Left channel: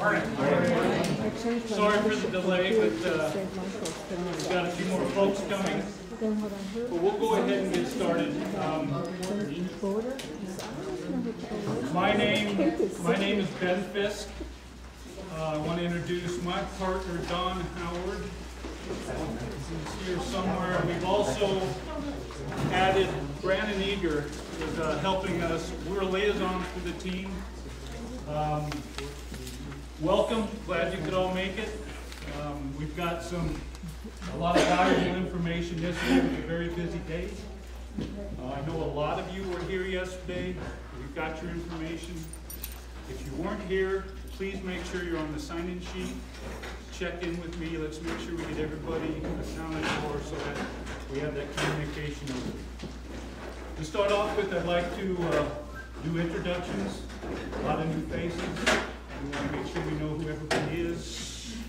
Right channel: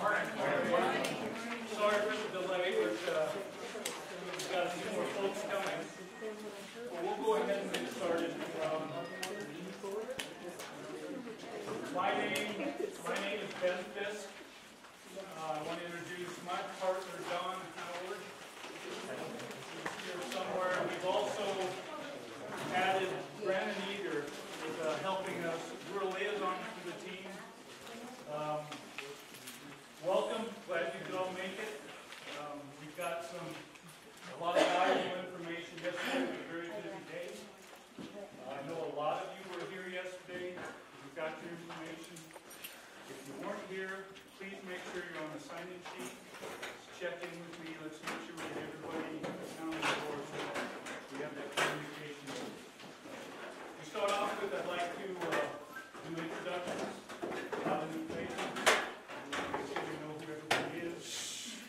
Morning. Sorry for the delay, but we've got a few more folks coming. But we'll go ahead and get started. My name is Ben Fisk. I want to introduce my partner, Don Howard. He's here somewhere. We've also added Brandon Eager is helping us. We're a liaison for the team. Welcome. Glad you could all make it. We've got a lot of valuable information yesterday. It was a very busy day. I know a lot of you were here yesterday. We've got your information. If you weren't here, please make sure you're on the sign-in sheet. Check in with me. Let's make sure we get everybody accounted for so that we have that communication. To start off with, I'd like to do introductions. A lot of new faces. We want to make sure we know who everybody is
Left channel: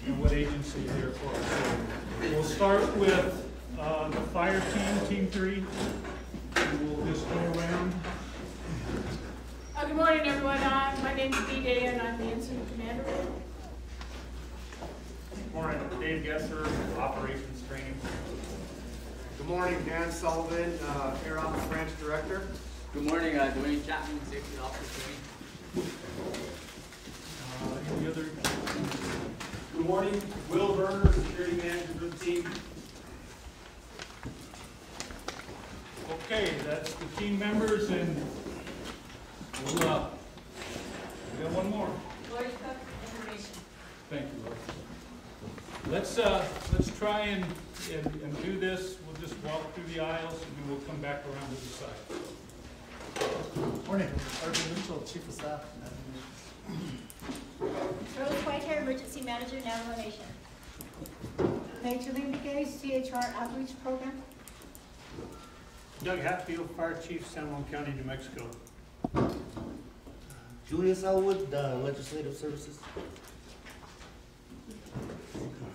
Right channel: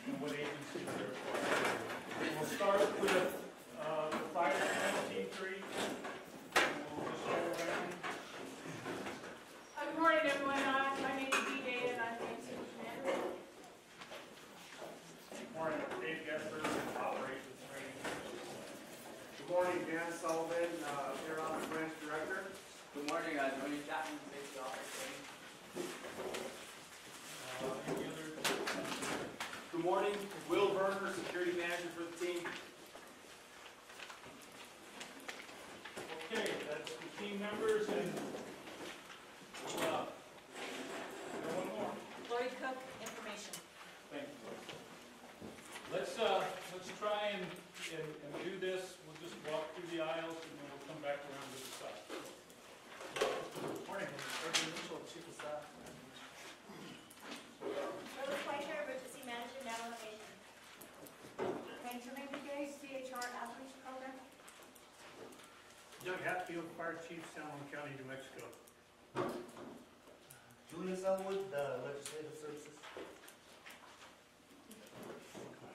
and what agency they're for. So we'll start with the fire team, Team 3. And we'll just go around. Good morning, everyone. My name is D-Day, and I'm the incident commander. Good morning, Dave Gesser, Operations Training. Good morning, Dan Sullivan, Air Office Branch Director. Good morning, Dwayne Chapman, Safety Officer Training. Any other? Good morning, Will Berner, Security Manager for the team. Okay, that's the team members, and we'll, we got one more. Lori Cook, information. Thank you, Lord. Let's try and do this. We'll just walk through the aisles, and then we'll come back around to the side. Morning, Sergeant Mitchell, Chief of Staff. Rose Whitehair, Emergency Manager, Navajo Nation. Major League CHR Outreach Program. Doug Hatfield, Fire Chief, San Juan County, New Mexico. Julius Elwood, Legislative Services.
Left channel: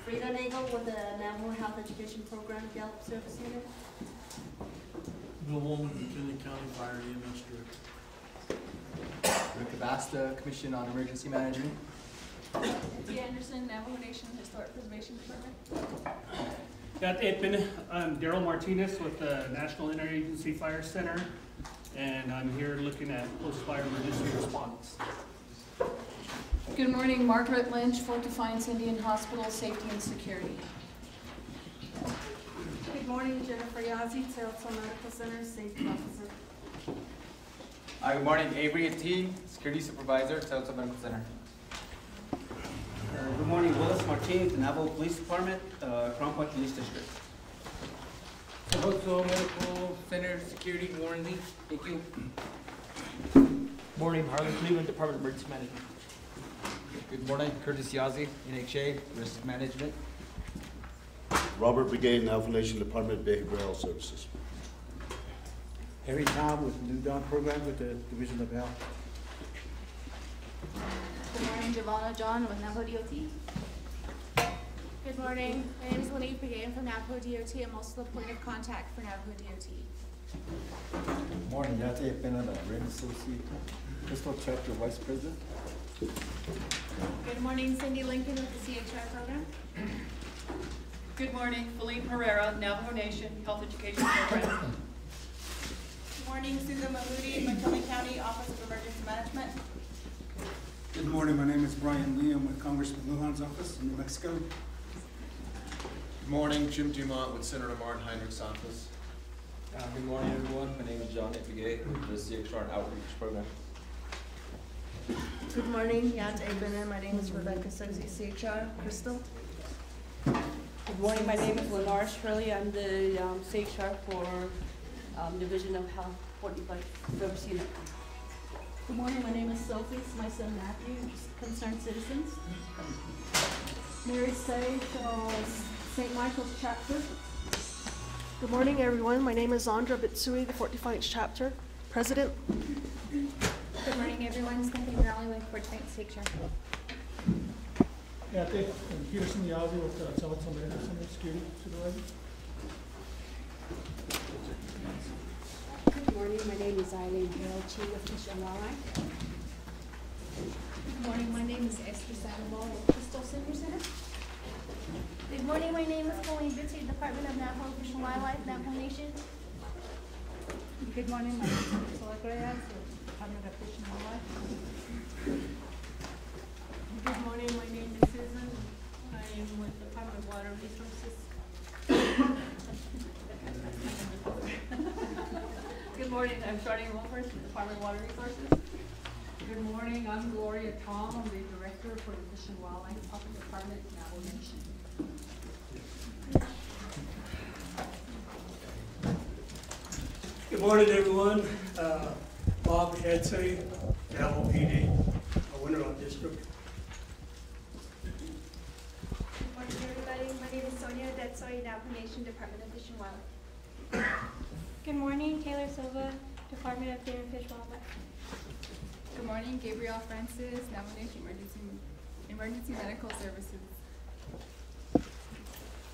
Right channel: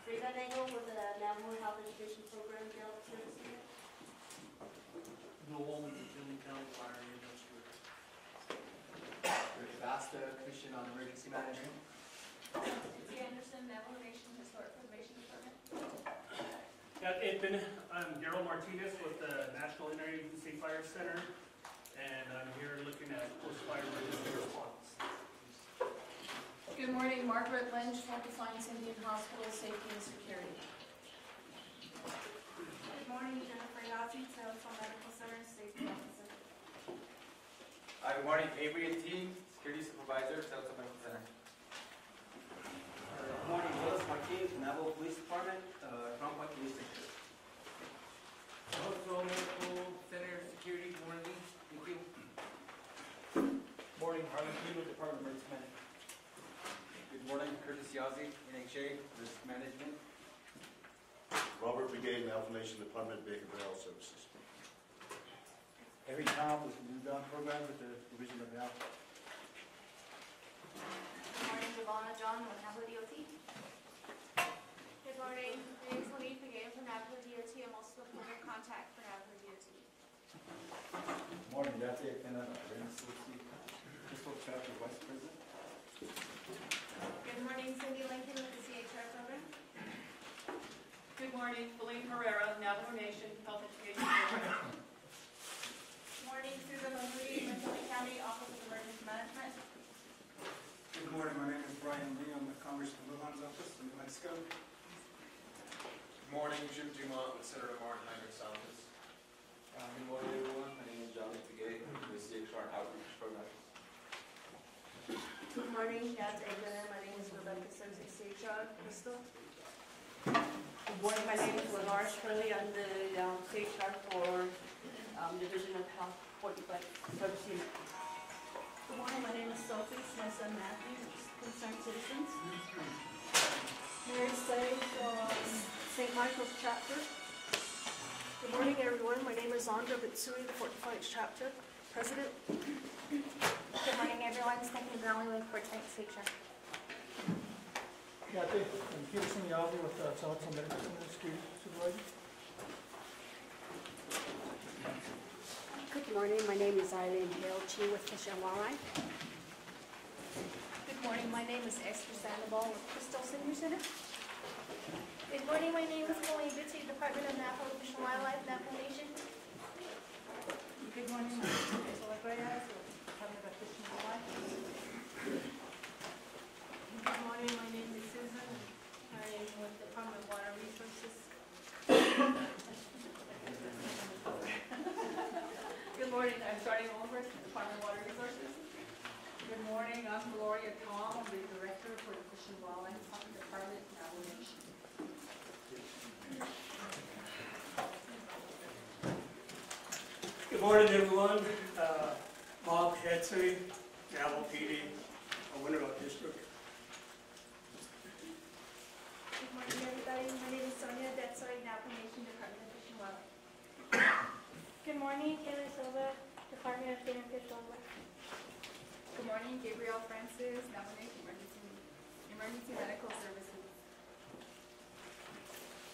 Frida Nagel with the Navajo Health Education Program, Gallup Service Unit. Bill Woolman, McKinley County Fire EMS Director. Rick Abasta, Commission on Emergency Management. Nancy Anderson, Navajo Nation Historic Preservation Department. Got I'm Daryl Martinez with the National Interagency Fire Center, and I'm here looking at post-fire emergency response. Good morning, Margaret Lynch, Fort Defiance Indian Hospital, Safety and Security. Good morning, Jennifer Yazzie, Sarasota Medical Center, Safety Officer. Good morning, Avery T, Security Supervisor, Sarasota Medical Center. Good morning, Willis Martinez, Navajo Police Department, Crown Point Police District. Tohoto Medical Center, Security, Warren Lee. Thank you. Morning, Harlan Cleveland, Department of Emergency Management. Good morning, Curtis Yazzie, NHA, Risk Management. Robert Brigade, Navajo Nation Department of Behavioral Health Services. Harry Tom with the New Dawn Program with the Division of Health. Good morning, Javonna John with Navajo DOT. Good morning. My name is Lanique Begain from Navajo DOT. I'm also the point of contact for Navajo DOT. Good morning, Yate Pena, Red Associate, Crystal Chapter Vice President. Good morning, Cindy Lincoln with the CHR program. Good morning, Feline Herrera, Navajo Nation Health Education Program. Good morning, Susan Mahmoudi, McKinley County Office of Emergency Management. Good morning, my name is Brian Lee. I'm with Congressman Lujan's office in New Mexico. Good morning, Jim Dumont with Senator Martin Heinrich's office. Good morning, everyone. My name is John Epigay with the CXR Outreach Program. Good morning, Yat Eben. My name is Rebecca Sozi, CHR, Crystal. Good morning, my name is Lenore Shirley. I'm the CHR for Division of Health 45 Service Unit. Good morning, my name is Sophie. It's my son Matthew, Concerned Citizens. Mary Say, St. Michael's Chapter. Good morning, everyone. My name is Andra Bitsui, the Fort Defiance Chapter President. Good morning, everyone. Stephanie Raleigh with Fort Defiance Picture. Yeah, I think Peterson Yazzie with Telephone Medicine Security Supervisor. Good morning. My name is Eileen Chi with Mission Walleye. Good morning, my name is Esther Sandoval with Crystal Senior Center. Good morning, my name is Colleen Bitty, Department of Navajo Fish and Wildlife, Navajo Nation. Good morning, my name is Ursula Correas with Department of Fish and Wildlife. Good morning, my name is Susan. I am with the Department of Water Resources. Good morning, I'm Charlene Wolfers from the Department of Water Resources. Good morning, I'm Gloria Tom. I'm the Director for the Fish and Wildlife Department, Navajo Nation. Good morning, everyone. Bob Assayii, Navajo PD, Winter Rock District. Good morning, everybody. My name is Sonia Detsoy, Navajo Nation, Department of Fish and Wildlife. Good morning, Taylor Silva, Department of Game and Fish Wildlife. Good morning, Gabrielle Francis, Navajo Nation Emergency Medical Services.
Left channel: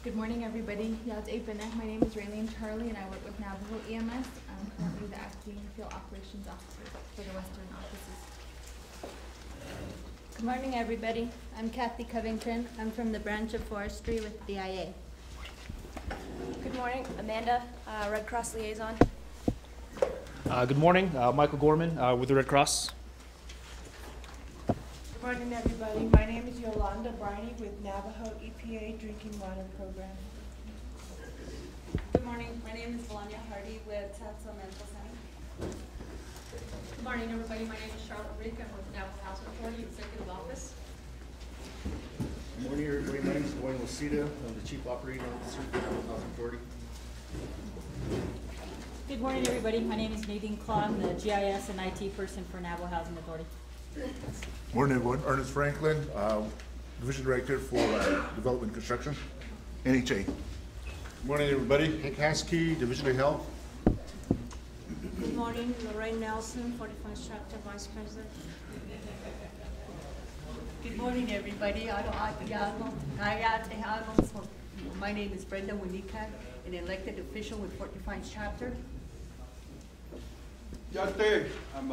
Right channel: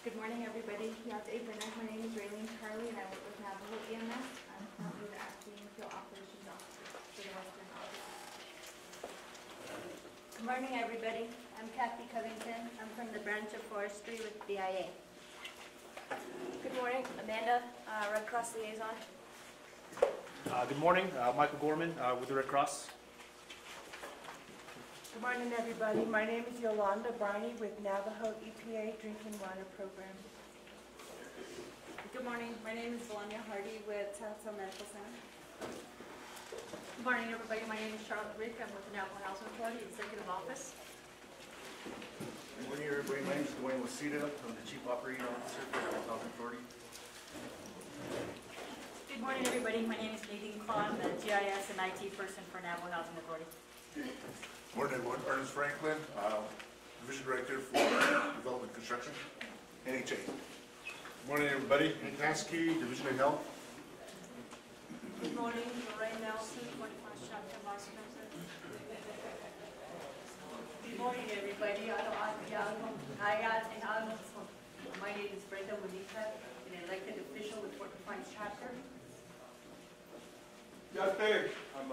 Good morning, everybody. My name is Raylene Charlie, and I work with Navajo EMS. I'm currently the acting field operations officer for the Western offices. Good morning, everybody. I'm Kathy Covington. I'm from the branch of forestry with BIA. Good morning, Amanda, Red Cross Liaison. Good morning, Michael Gorman with the Red Cross. Good morning, everybody. My name is Yolanda Briney with Navajo EPA Drinking Water Program. Good morning, my name is Melania Hardy with Sansa Medical Center. Good morning, everybody. My name is Charlotte Rick. I'm with Navajo Housing Authority, Executive Office. Good morning, everybody. My name is Dwayne Wasita. I'm the Chief Operating Officer for Navajo Housing Authority. Good morning, everybody. My name is Nadine Claw. I'm the GIS and IT person for Navajo Housing Authority. Morning, everyone. Ernest Franklin, Division Director for Development Construction, NHA. Morning, everybody. Hank Haskey, Division of Health. Good morning, Lorraine Nelson, 41st Chapter Vice President. Good morning, everybody. My name is Brenda Winika, an elected official with Fort Defiance Chapter. Yate, I'm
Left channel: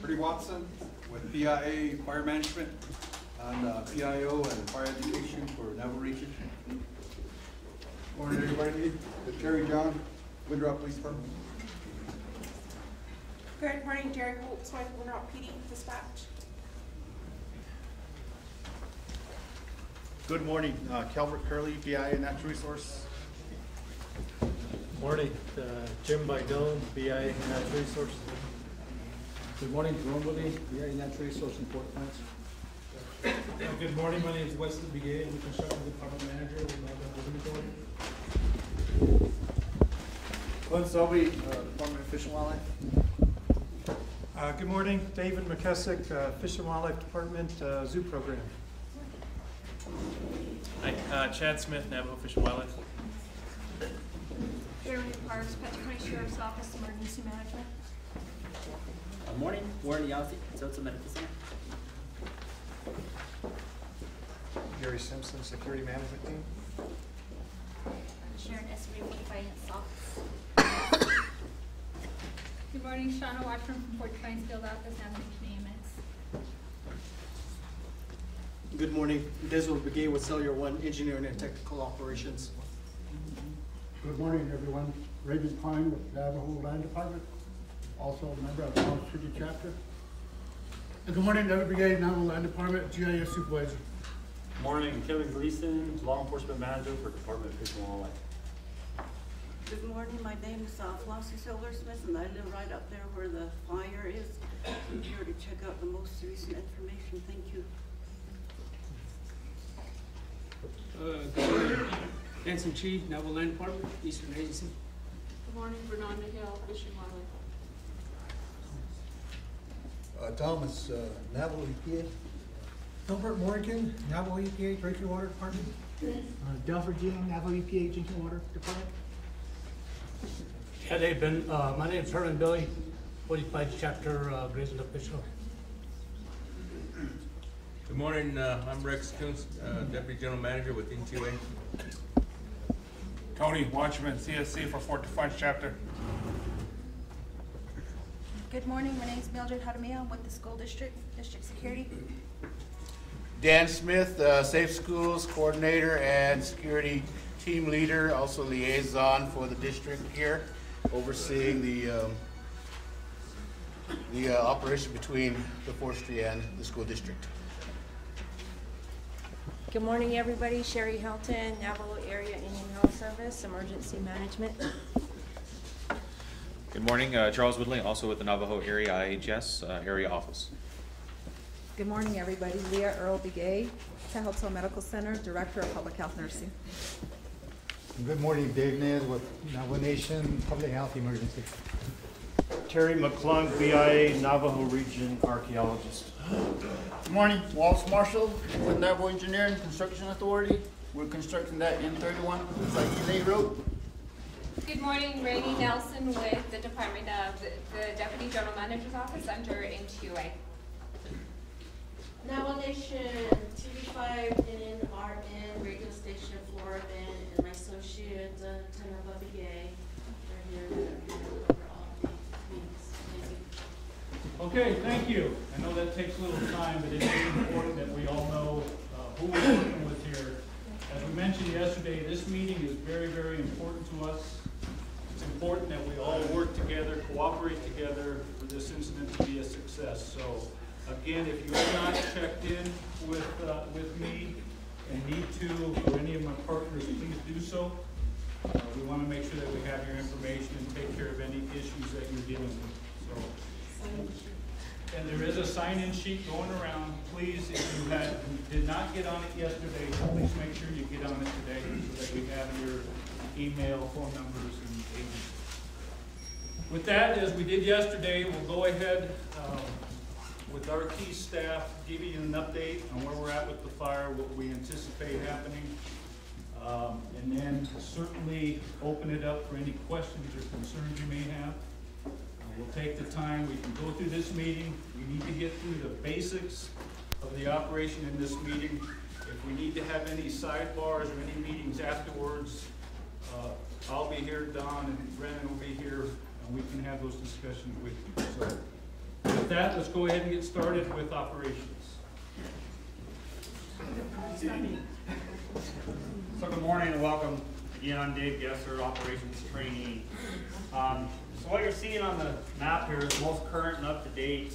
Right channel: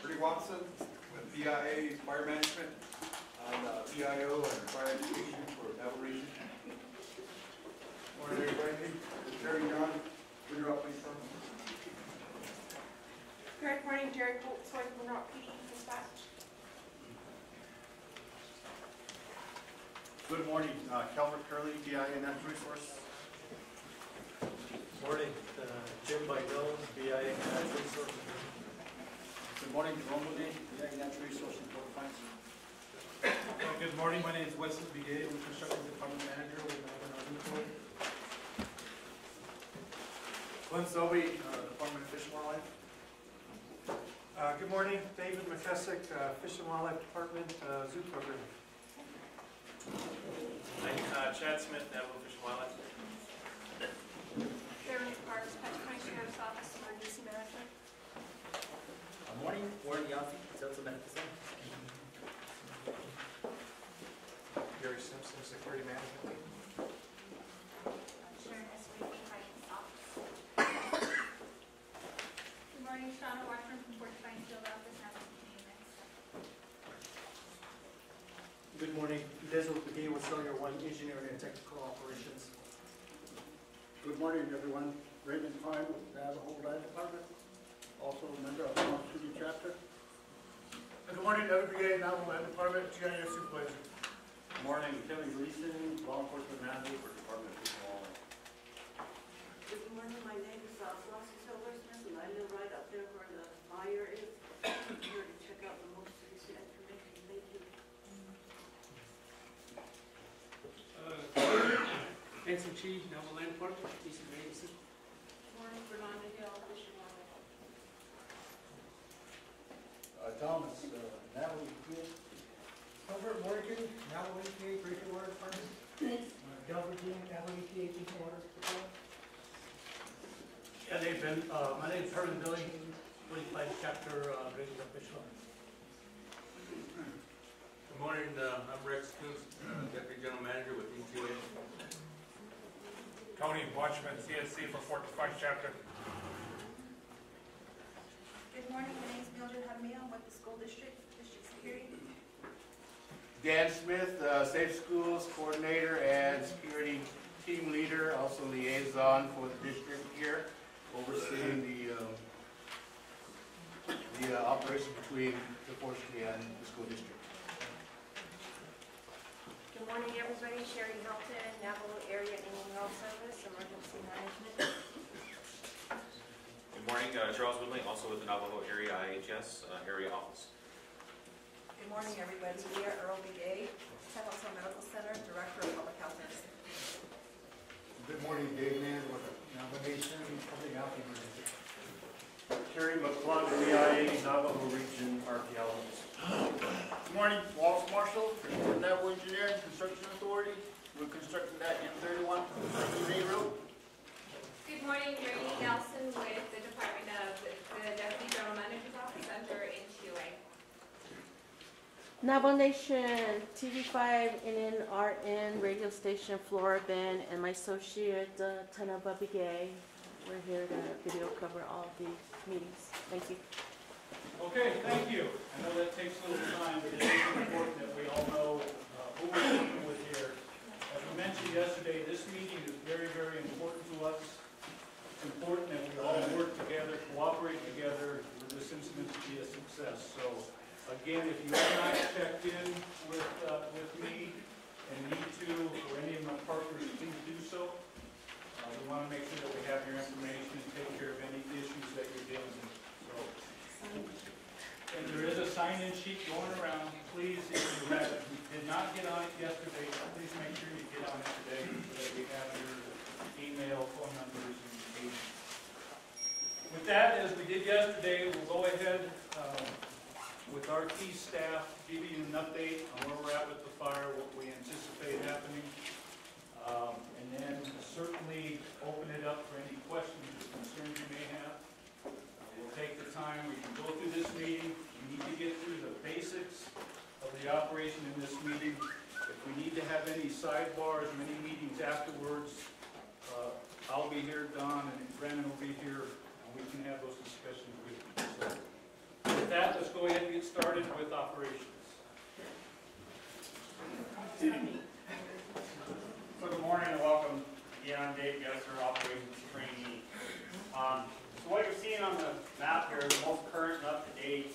Freddie Watson with PIA Fire Management. I'm PIO and Fire Education for Navajo Nation. Morning, everybody. With Terry John, Windrock Police Department. Good morning, Jerry Holtzworth, Winrock PD Dispatch. Good morning, Calvert Curley, BIA Natural Resource. Morning, Jim Bidone, BIA Natural Resources. Good morning, Jerome Woody, BIA Natural Resources in Fort Defiance. Good morning, my name is Wesley Begay, I'm the Construction Department Manager with Navajo Housing Authority. Glenn Selby, Department of Fish and Wildlife. Good morning, David McKessick, Fish and Wildlife Department, Zoo Program. Chad Smith, Navajo Fish and Wildlife. Jeremy Parks, Petty County Sheriff's Office, Emergency Management. Morning, Warren Yasi, Zeltsa Medical Center. Gary Simpson, Security Management Team. Sharon Esri, Finance Office. Good morning, Shauna Washburn from Fort Defiance Field Office, Navajo EMS. Good morning, Desmond Begay with Cellular One Engineering and Technical Operations. Good morning, everyone. Raymond Klein with Navajo Land Department, also a member of the Mountain City Chapter. Good morning, Navajo Brigade, Navajo Land Department, GIS Supervisor. Morning, Kevin Gleason, Law Enforcement Manager for Department of Fish and Wildlife. Good morning, my name is Flossie Silversmith, and I live right up there where the fire is. I'm here to check out the most recent information. Thank you. Benson Chi, Navajo Land Department, Eastern Agency. Good morning, Fernanda Hill, Fish and Wildlife. Thomas, Navajo EPA. Albert Morgan, Navajo EPA Drinking Water Department. Delford Jim, Navajo EPA Drinking Water Department. Yeah, they've been, my name is Herman Billy, 45 Chapter Grazing Official. Good morning, I'm Rex Kunz, Deputy General Manager with N2A. Tony Watchman, CSC for Fort Defiance Chapter. Good morning, my name is Mildred Jaramillo with the School District, District Security. Dan Smith, Safe Schools Coordinator and Security Team Leader, also liaison for the district here, overseeing the operation between the forestry and the school district. Good morning, everybody. Sherry Helton, Navajo Area Indian Health Service, Emergency Management. Good morning, Charles Woodley, also with the Navajo Area IHS Area Office. Good morning, everybody. Leah Earl Begay, Tehoto Medical Center, Director of Public Health Nursing. Good morning, Dave Nez with Navajo Nation Public Health Emergency. Terry McClung, BIA Navajo Region Archaeologist. Good morning, Wallace Marshall with Navajo Engineering Construction Authority. We're constructing that M31 Assayii Road. Good morning, Rainey Nelson with the Department of the Deputy General Manager's Office under NTUA. Navajo Nation, TV5, NNRN, radio station Flora Ben, and my associate, Tanaba Begay. We're here to cover all of the meetings. Thank you. Okay, thank you. I know that takes a little time, but it is important that we all know who we're working with here. As we mentioned yesterday, this meeting is very, very important to us. It's important that we all work together, cooperate together for this incident to be a success. So, again, if you have not checked in with me and need to, or any of my partners, please do so. We want to make sure that we have your information and take care of any issues that you're dealing with. So, and there is a sign-in sheet going around. Please, if you did not get on it yesterday, please make sure you get on it today so that we have your email, phone numbers, and agents. With that, as we did yesterday, we'll go ahead with our key staff, give you an update on where we're at with the fire, what we anticipate happening, and then certainly open it up for any questions or concerns you may have. We'll take the time, we can go through this meeting. We need to get through the basics of the operation in this meeting. If we need to have any sidebars or any meetings afterwards, I'll be here, Don and Brennan will be here, and we can have those discussions with you. So with that, let's go ahead and get started with operations. So good morning and welcome. Again, I'm Dave Gesser, operations trainee. So what you're seeing on the map here is the most current and up-to-date.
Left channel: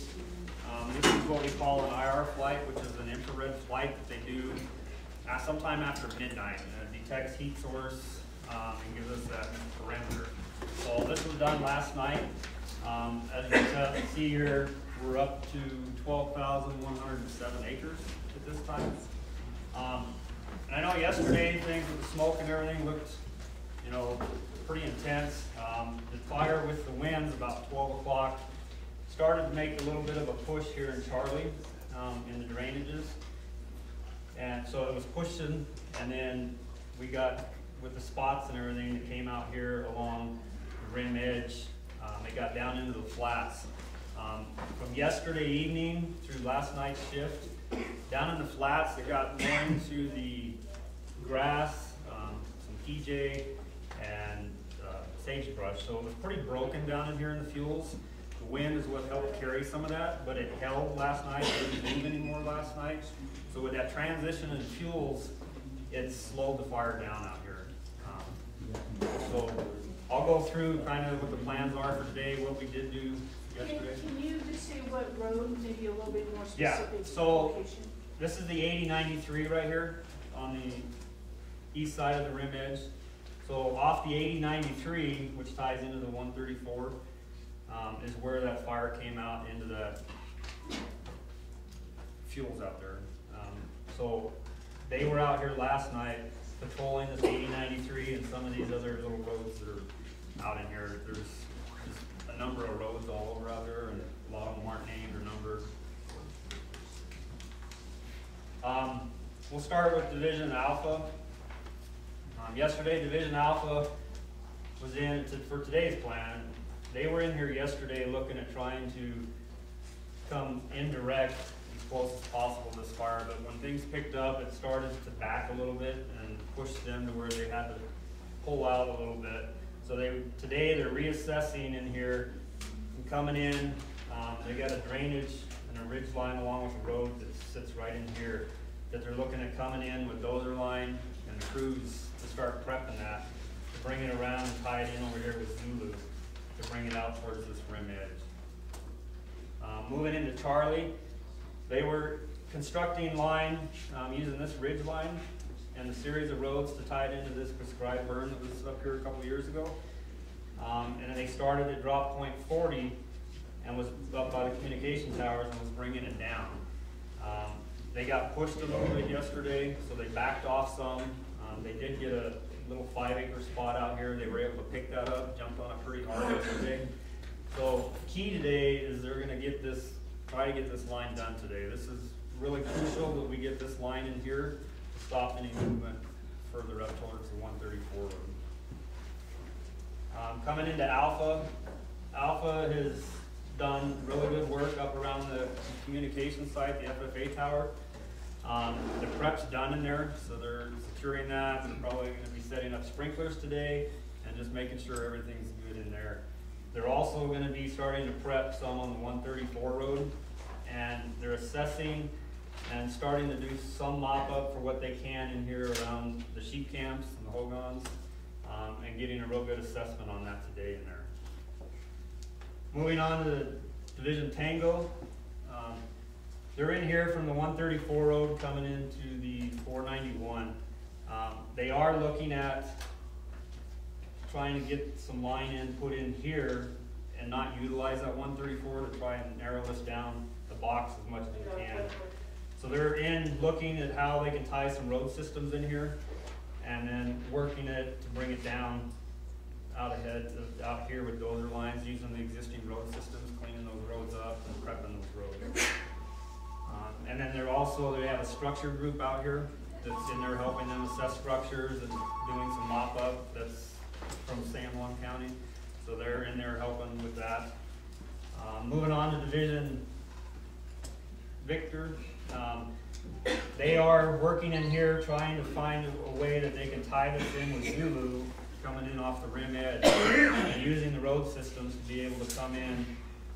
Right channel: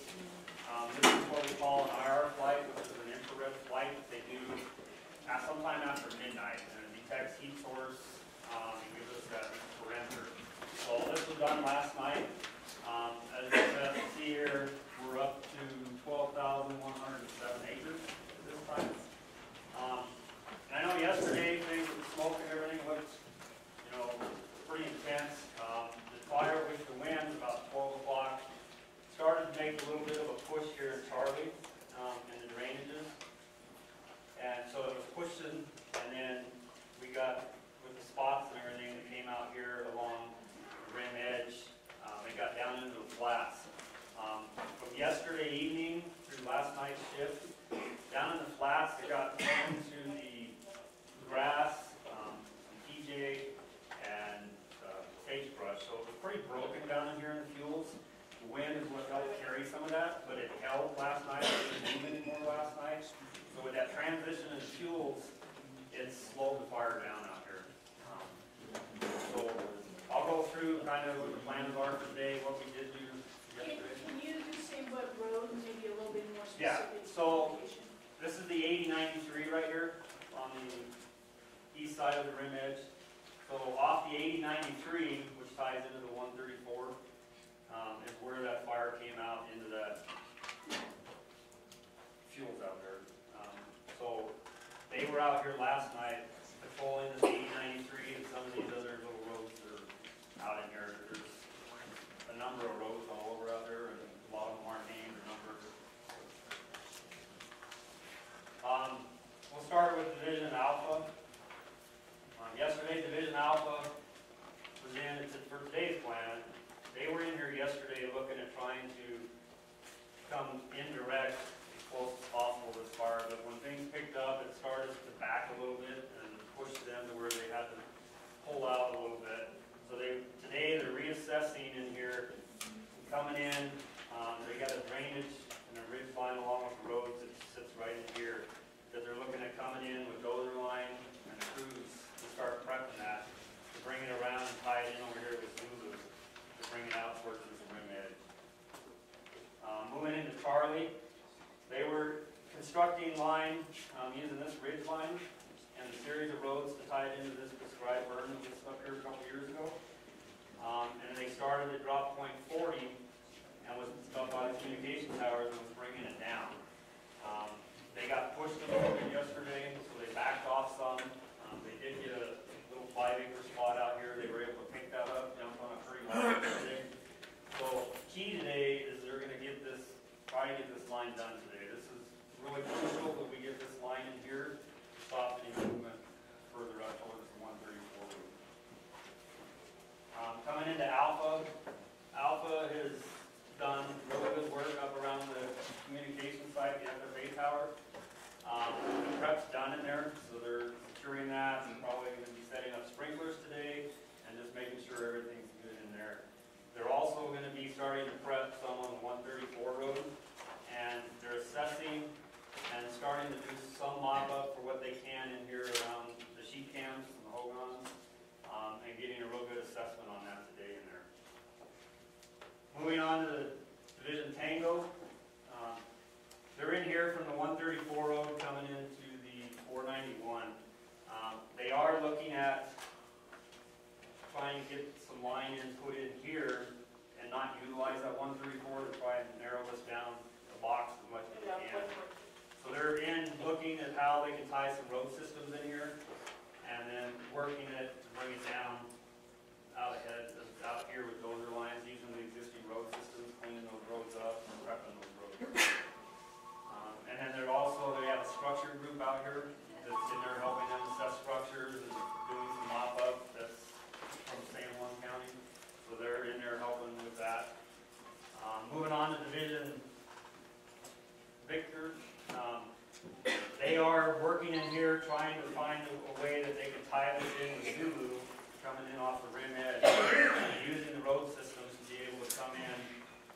This is what we call an IR flight, which is an infrared flight that they do sometime after midnight. And it detects heat source and gives us that parameter. So this was done last night. As you can see here, we're up to 12,107 acres at this time. And I know yesterday things with the smoke and everything looked, pretty intense. The fire with the winds about 12 o'clock started to make a little bit of a push here in Charlie in the drainages. And so it was pushing, and then we got, with the spots and everything that came out here along the rim edge, they got down into the flats. From yesterday evening through last night's shift, down in the flats, they got more into the grass, some PJ, and sagebrush. So it was pretty broken down in here in the fuels. The wind is what helped carry some of that, but it held last night. It didn't move anymore last night. So with that transition in fuels, it slowed the fire down out here. So I'll go through kind of what the plans are for today, what we did do yesterday. Can you just say what road, maybe a little bit more specific? Yeah, so this is the 8093 right here on the east side of the rim edge. So off the 8093, which ties into the 134, is where that fire came out into the fuels out there. So they were out here last night patrolling this 8093 and some of these other little roads that are out in here. There's a number of roads all over out there, and a lot of them aren't named or numbered. We'll start with Division Alpha. Yesterday, Division Alpha was in for today's plan. They were in here yesterday looking at trying to come indirect as close as possible to this fire, but when things picked up, it started to back a little bit and push them to where they had to pull out a little bit. So today they're reassessing in here and coming in. They got a drainage and a ridge line along with the road that sits right in here, that they're looking at coming in with dozer line and crews to start prepping that, to bring it around and tie it in over here with Zulu, to bring it out towards this rim edge. Moving into Charlie, they were constructing line using this ridge line and a series of roads to tie it into this prescribed berm that was up here a couple years ago. And then they started at drop point 40 and was up by the communication towers and was bringing it down. They got pushed a little bit yesterday, so they backed off some. They did get a little 5-acre spot out here. They were able to pick that up, jumped on it pretty hard yesterday. So key today is they're going to try to get this line done today. This is really crucial that we get this line in here to stop any movement further up towards the 134 road. Coming into Alpha, Alpha has done really good work up around the communication site, the FFA tower. The prep's done in there, so they're securing that. They're probably going to be setting up sprinklers today and just making sure everything's good in there. They're also going to be starting to prep some on the 134 road, and they're assessing and starting to do some mop-up for what they can in here around the sheep camps and the hogans, and getting a real good assessment on that today in there. Moving on to Division Tango. They're in here from the 134 road coming into the 491. They are looking at trying to get some line put in here and not utilize that 134 to try and narrow this down the box as much as they can. So they're looking at how they can tie some road systems in here and then working it to bring it down out here with dozer lines, using the existing road systems, cleaning those roads up and prepping those roads. And then they have a structure group out here that's in there helping them assess structures and doing some mop-up. That's from San Juan County, so they're in there helping with that. Moving on to Division Victor, they are working in here trying to find a way that they can tie this in with Zulu coming in off the rim edge and using the road systems to be able to come in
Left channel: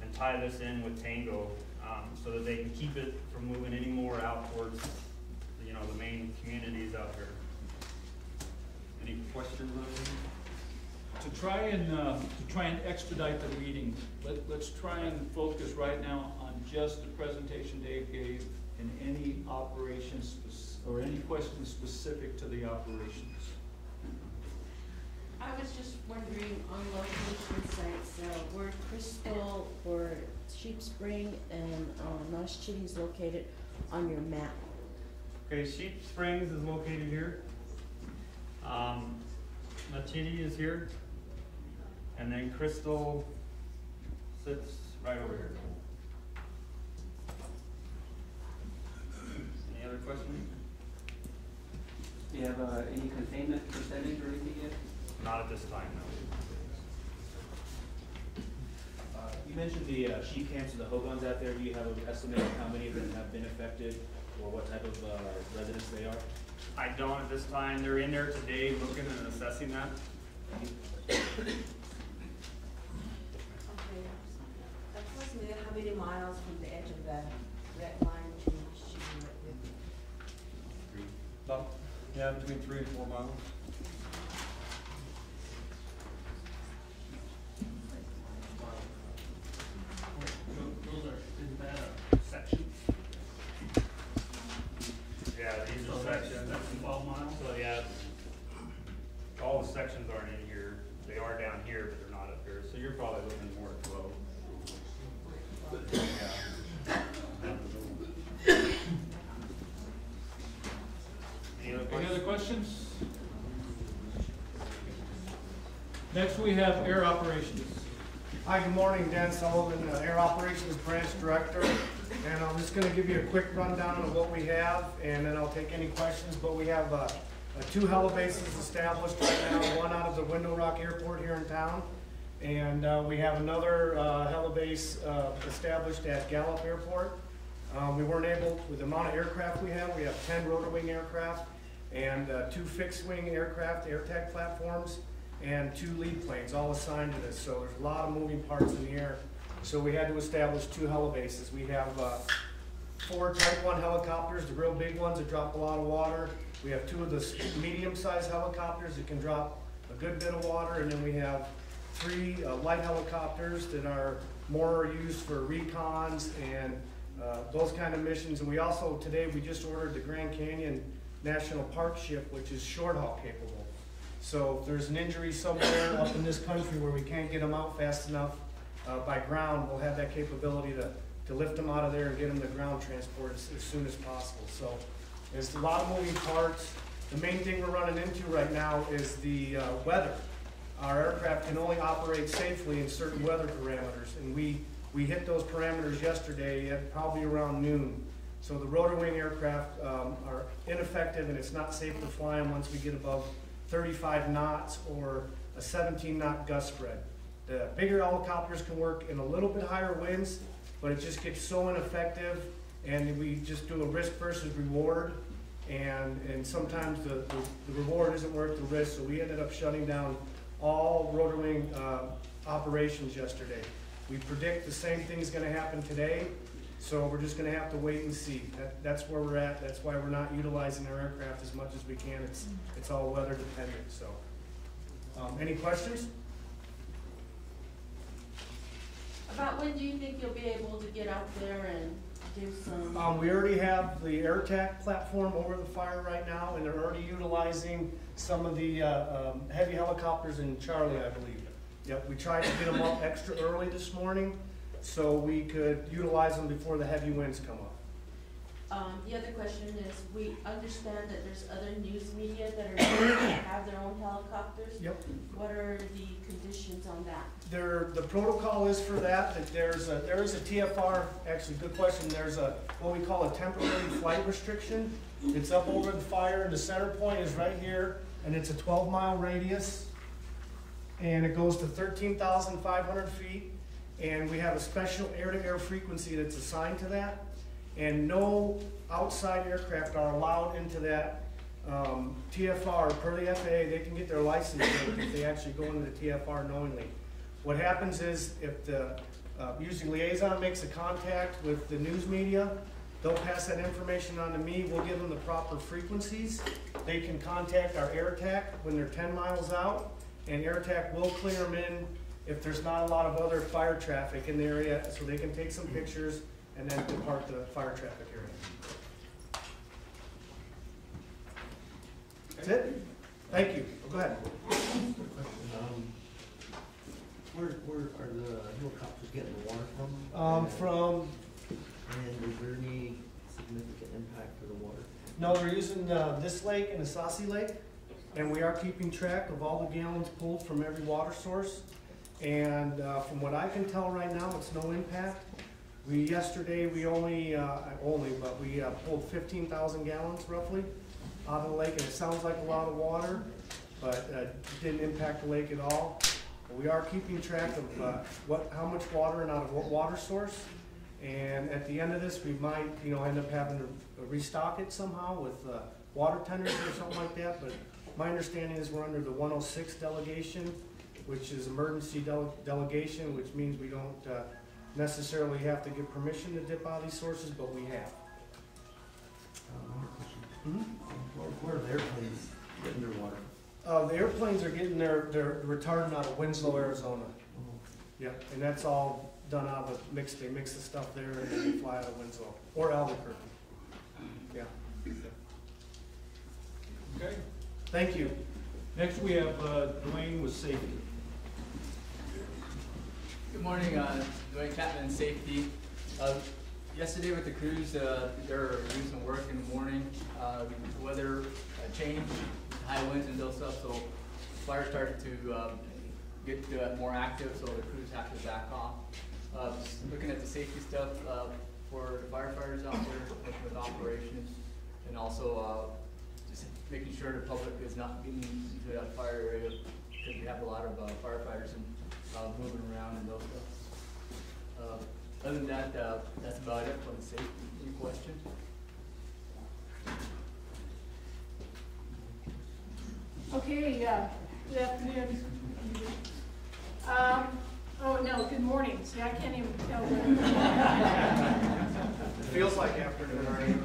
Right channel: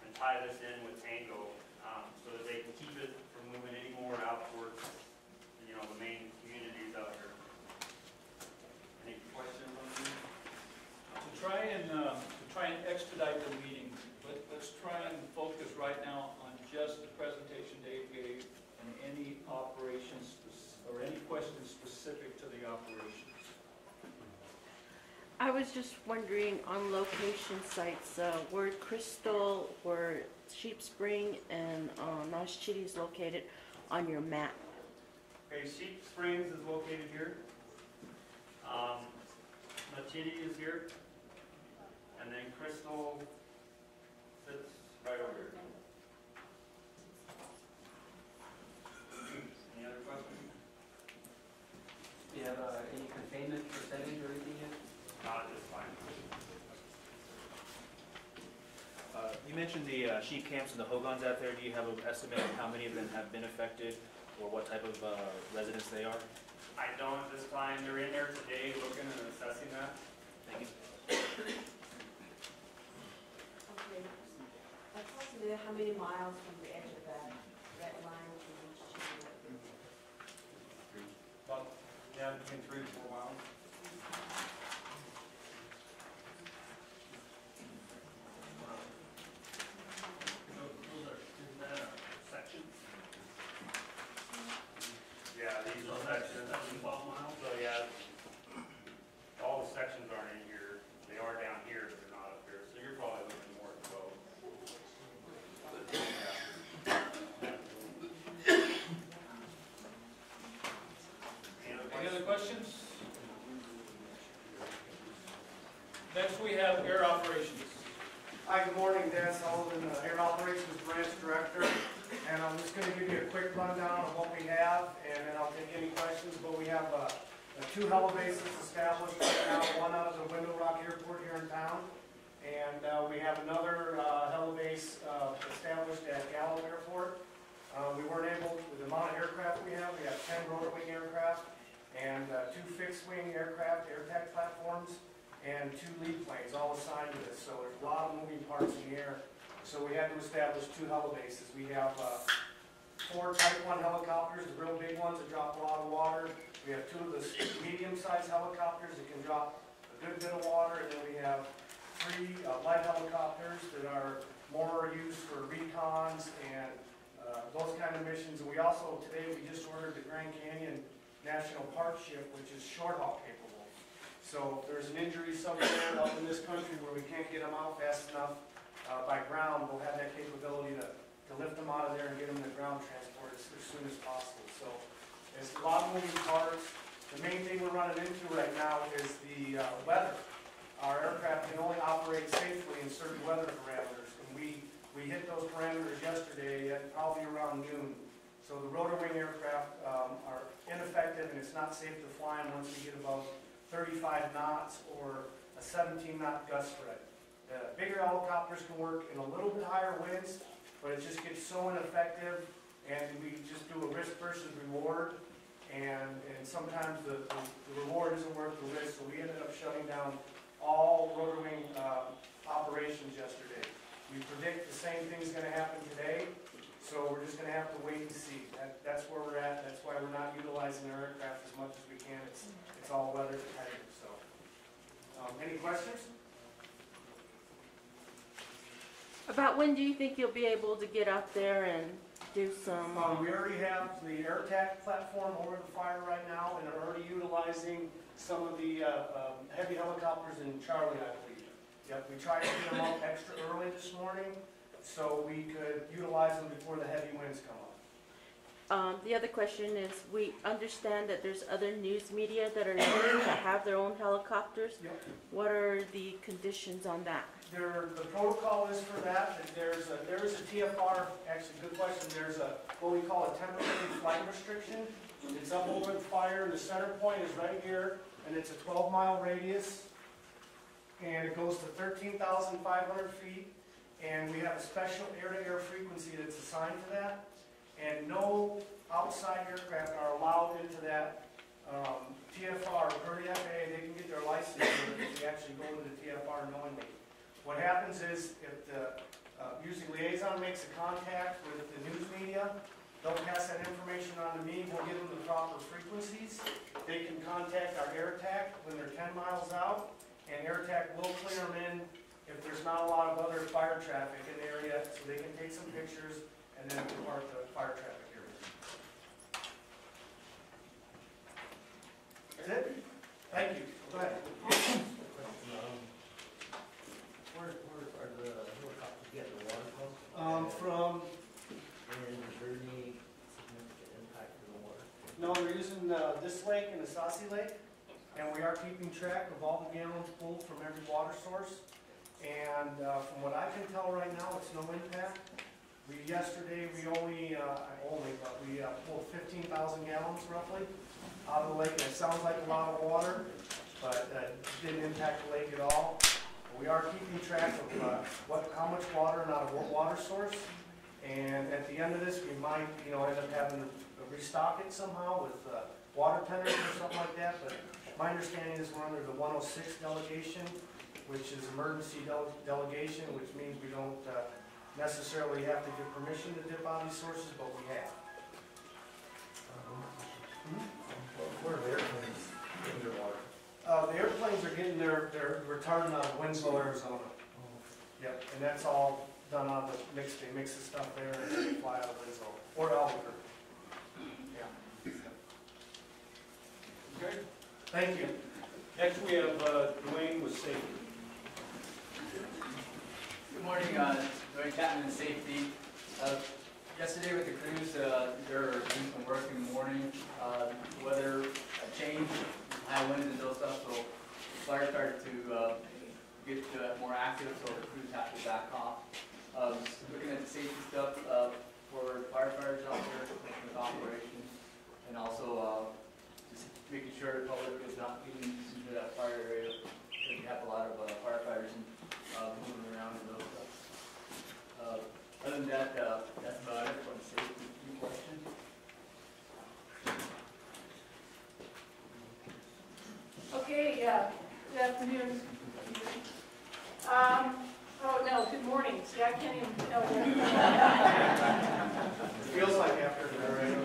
and tie this in with Tango, so that they can keep it from moving any more out towards the main communities out here. Any questions on that? To try and expedite the meeting, let's try and focus right now on just the presentation Dave gave and any operations or any questions specific to the operations. I was just wondering on location sites, where Crystal, where Sheep Spring and Nosh Chitty is located on your map. Okay, Sheep Springs is located here. Nachiti is here. And then Crystal sits right over here. Any other questions? Do you have any containment percentage or anything yet? Not at this time. You mentioned the sheep camps and the hogans out there. Do you have an estimate of how many of them have been affected or what type of residents they are? I don't at this time. They're in there today looking and assessing that. Thank you. Okay. Approximately how many miles from the edge of that red line to Nosh Chitty? About, between 3 and 4 miles. Is that a section? Yeah, these are sections. That's 12 miles? So yeah, all the sections aren't in here. They are down here, but they're not up here. So you're probably looking more at 12. Any other questions? Next we have air operations. Hi, good morning, Dan Sullivan, Air Operations Branch Director. And I'm just going to give you a quick rundown of what we have, and then I'll take any questions. But we have 2 helibases established right now, one out of the Window Rock Airport here in town. And we have another helibase established at Gallup Airport. We weren't able, with the amount of aircraft we have 10 rotor wing aircraft and 2 fixed wing aircraft, AirTac platforms, and 2 lead planes all assigned to this. So there's a lot of moving parts in the air So we had to establish 2 helibases. We have 4 Type 1 helicopters, the real big ones that drop a lot of water. We have 2 of the medium-sized helicopters that can drop a good bit of water, and then we have 3 light helicopters that are more used for recons and those kind of missions. And we also, today, we just ordered the Grand Canyon National Park ship, which is short haul capable. So if there's an injury somewhere up in this country where we can't get them out fast enough by ground, we'll have that capability to lift them out of there and get them to ground transport as soon as possible. So there's a lot of moving parts. The main thing we're running into right now is the weather. Our aircraft can only operate safely in certain weather parameters, and we hit those parameters yesterday at probably around noon. So the rotor wing aircraft are ineffective, and it's not safe to fly them once we get above 35 knots or a 17 knot gust spread. The bigger helicopters can work in a little bit higher winds, but it just gets so ineffective, and we just do a risk versus reward, and sometimes the reward isn't worth the risk, so we ended up shutting down all rotor wing operations yesterday. We predict the same thing's going to happen today, so we're just going to have to wait and see. That's where we're at. That's why we're not utilizing our aircraft as much as we can. It's all weather dependent. So, any questions? About when do you think you'll be able to get up there and do some? We already have the AirTac platform over the fire right now, and they're already utilizing some of the heavy helicopters in Charlie, I believe. Yep, we tried to get them up extra early this morning so we could utilize them before the heavy winds come up. The other question is, we understand that there's other news media that are going to have their own helicopters. Yep. What are the conditions on that? The protocol is for that there is a TFR, actually good question, there's what we call a temporary flight restriction. It's up over the fire, and the center point is right here, and it's a 12-mile radius, and it goes to 13,500 feet, and we have a special air-to-air frequency that's assigned to that, and no outside aircraft are allowed into that TFR per the FAA. They can get their license if they actually go into the TFR knowingly. What happens is, if the usually liaison makes a contact with the news media, they'll pass that information on to me. We'll give them the proper frequencies. They can contact our AirTac when they're 10 miles out, and AirTac will clear them in if there's not a lot of other fire traffic in the area, so they can take some pictures and then depart the fire traffic area. That's it? Thank you. Go ahead. Where are the helicopters getting the water from? And is there any significant impact for the water? No, we're using this lake and the Assayii Lake, and we are keeping track of all the gallons pulled from every water source. And from what I can tell right now, it's no impact. Yesterday we but we pulled 15,000 gallons roughly out of the lake, and it sounds like a lot of water, but it didn't impact the lake at all. We are keeping track of how much water and out of what water source, and at the end of this, we might end up having to restock it somehow with water tenders or something like that. But my understanding is we're under the 106 delegation, which is emergency delegation, which means we don't necessarily have to get permission to dip out these sources, but we have. Where are the airplanes getting their water? The airplanes are getting their retardant out of Winslow, Arizona. Yeah, and that's all done out of they mix the stuff there and then they fly out of Winslow or Albuquerque. Yeah. Okay. Thank you. Next we have Dwayne with safety. Good morning, Dwayne Chapman in safety. Yesterday with the crews, they were doing some work in the morning. Weather changed, high winds and those stuff, so fire started to get more active, so the crews have to back off. Looking at the safety stuff for firefighters out there with operations, and also just making sure the public is not getting into that fire area, because we have a lot of firefighters moving around and those stuff. Other than that, that's about it for the safety. Any questions? Okay, good afternoon. Oh, no, good morning. See, I can't can't even tell you. Feels like afternoon, right?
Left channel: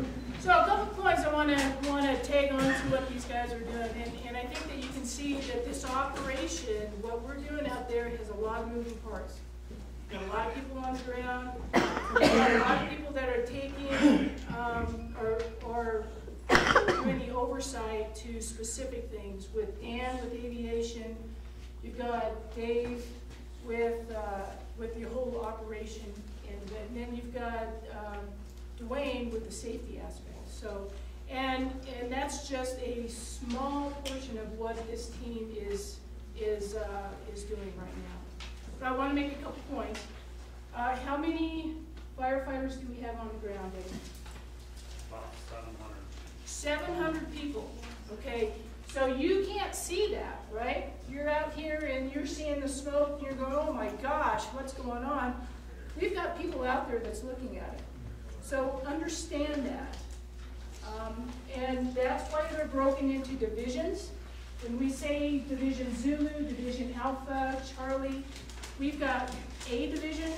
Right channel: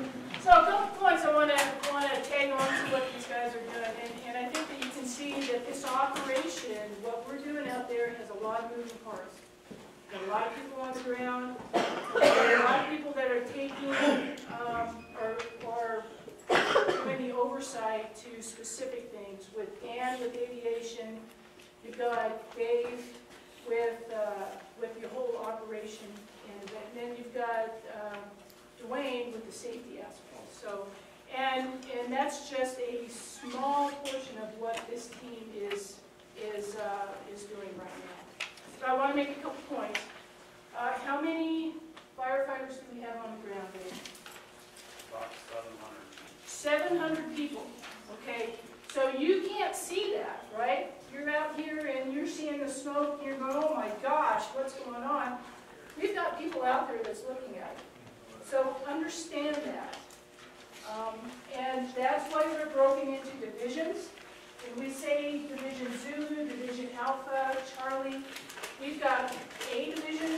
So a couple points I want to tag on to what these guys are doing, and I think that you can see that this operation, what we're doing out there, has a lot of moving parts. Got a lot of people on the ground. We've got a lot of people that are taking or doing the oversight to specific things. With Dan with aviation, you've got Dave with the whole operation end of it, and then you've got Dwayne with the safety aspect. So, and that's just a small portion of what this team is doing right now. So I want to make a couple points. How many firefighters do we have on the ground, Dave? About 700 people. Okay, so you can't see that, right? You're out here and you're seeing the smoke and you're going, oh my gosh, what's going on? We've got people out there that's looking at it. So understand that. And that's why they're broken into divisions. When we say Division Zulu, Division Alpha, Charlie, we've got a division.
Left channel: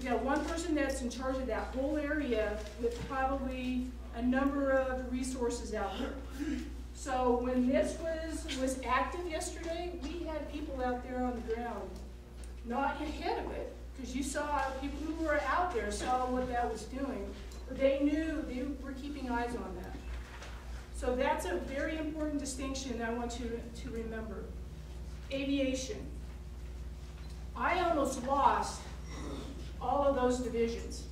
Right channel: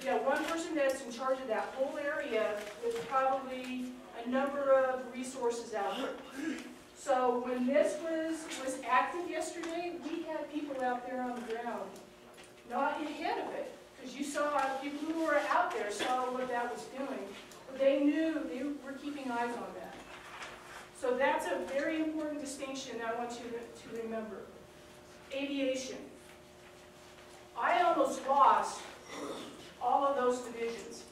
We got one person that's in charge of that whole area with probably a number of resources out there. So when this was active yesterday, we had people out there on the ground, not ahead of it, because you saw people who were out there saw what that was doing, but they knew they were keeping eyes on that. So that's a very important distinction I want you to remember. Aviation. I almost lost all of those divisions.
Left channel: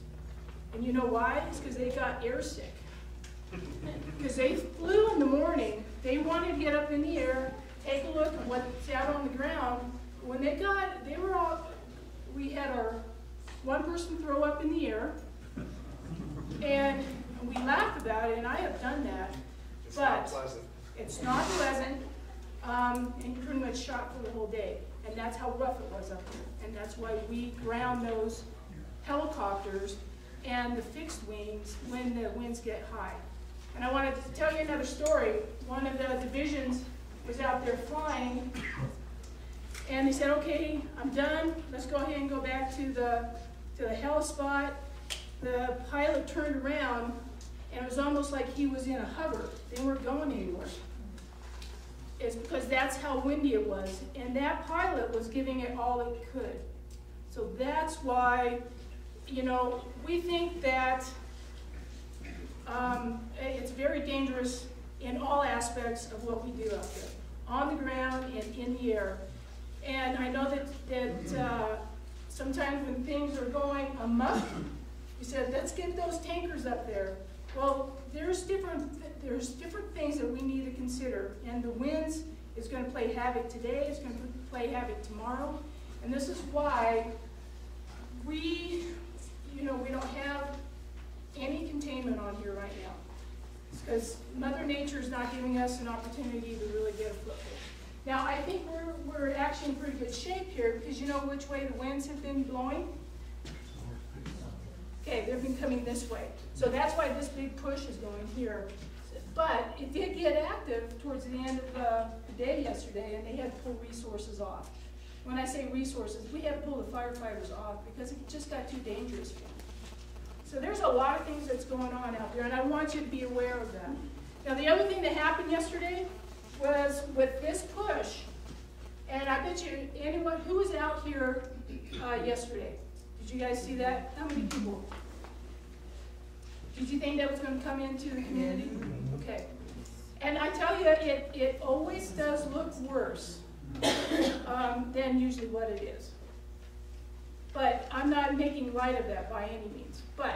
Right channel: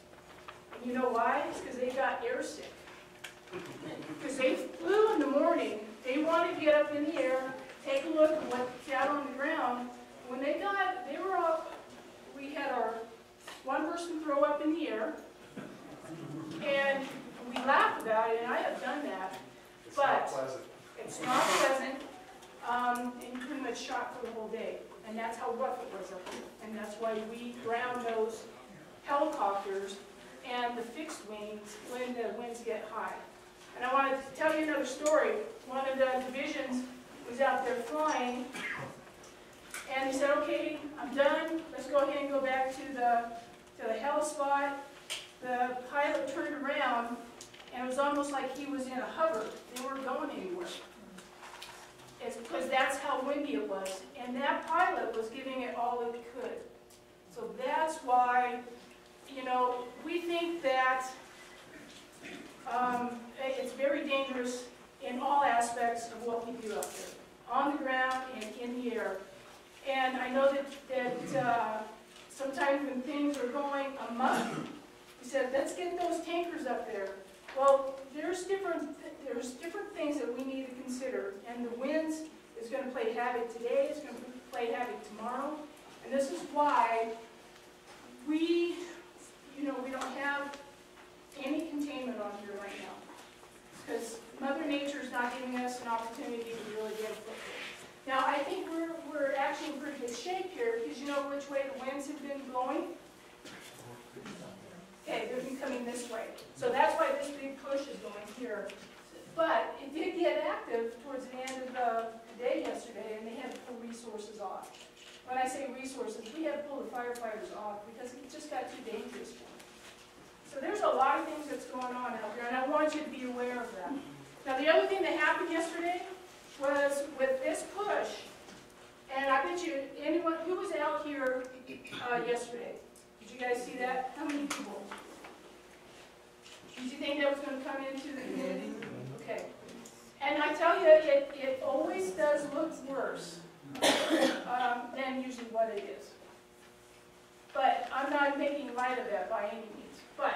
And you know why? It's because they got airsick. Because they flew in the morning, they wanted to get up in the air, take a look at what's out on the ground. When we had our one person throw up in the air, and we laughed about it, and I have done that. But it's not pleasant, and you're pretty much shot for the whole day. And that's how rough it was up there. And that's why we ground those helicopters and the fixed wings when the winds get high. And I wanted to tell you another story. One of the divisions was out there flying, and they said, okay, I'm done. Let's go ahead and go back to the heli spot. The pilot turned around, and it was almost like he was in a hover. They weren't going anywhere. It's because that's how windy it was. And that pilot was giving it all it could. So that's why, you know, we think that it's very dangerous in all aspects of what we do out there, on the ground and in the air. And I know that sometimes when things are going amok, we said, let's get those tankers up there. Well, there's different things that we need to consider, and the winds is going to play havoc today. It's going to play havoc tomorrow, and this is why we don't have any containment on here right now, because Mother Nature is not giving us an opportunity to really get a foothold. Now, I think we're actually in pretty good shape here, because you know which way the winds have been blowing. Okay, they've been coming this way. So that's why this big push is going here. But it did get active towards the end of the day yesterday, and they had to pull resources off. When I say resources, we had to pull the firefighters off because it just got too dangerous for them. So there's a lot of things that's going on out there, and I want you to be aware of that. Now, the other thing that happened yesterday was with this push, and I bet you anyone who was out here yesterday, did you guys see that? How many people? Did you think that was going to come into the community? Okay. And I tell you, it always does look worse than usually what it is. But I'm not making light of that by any means. But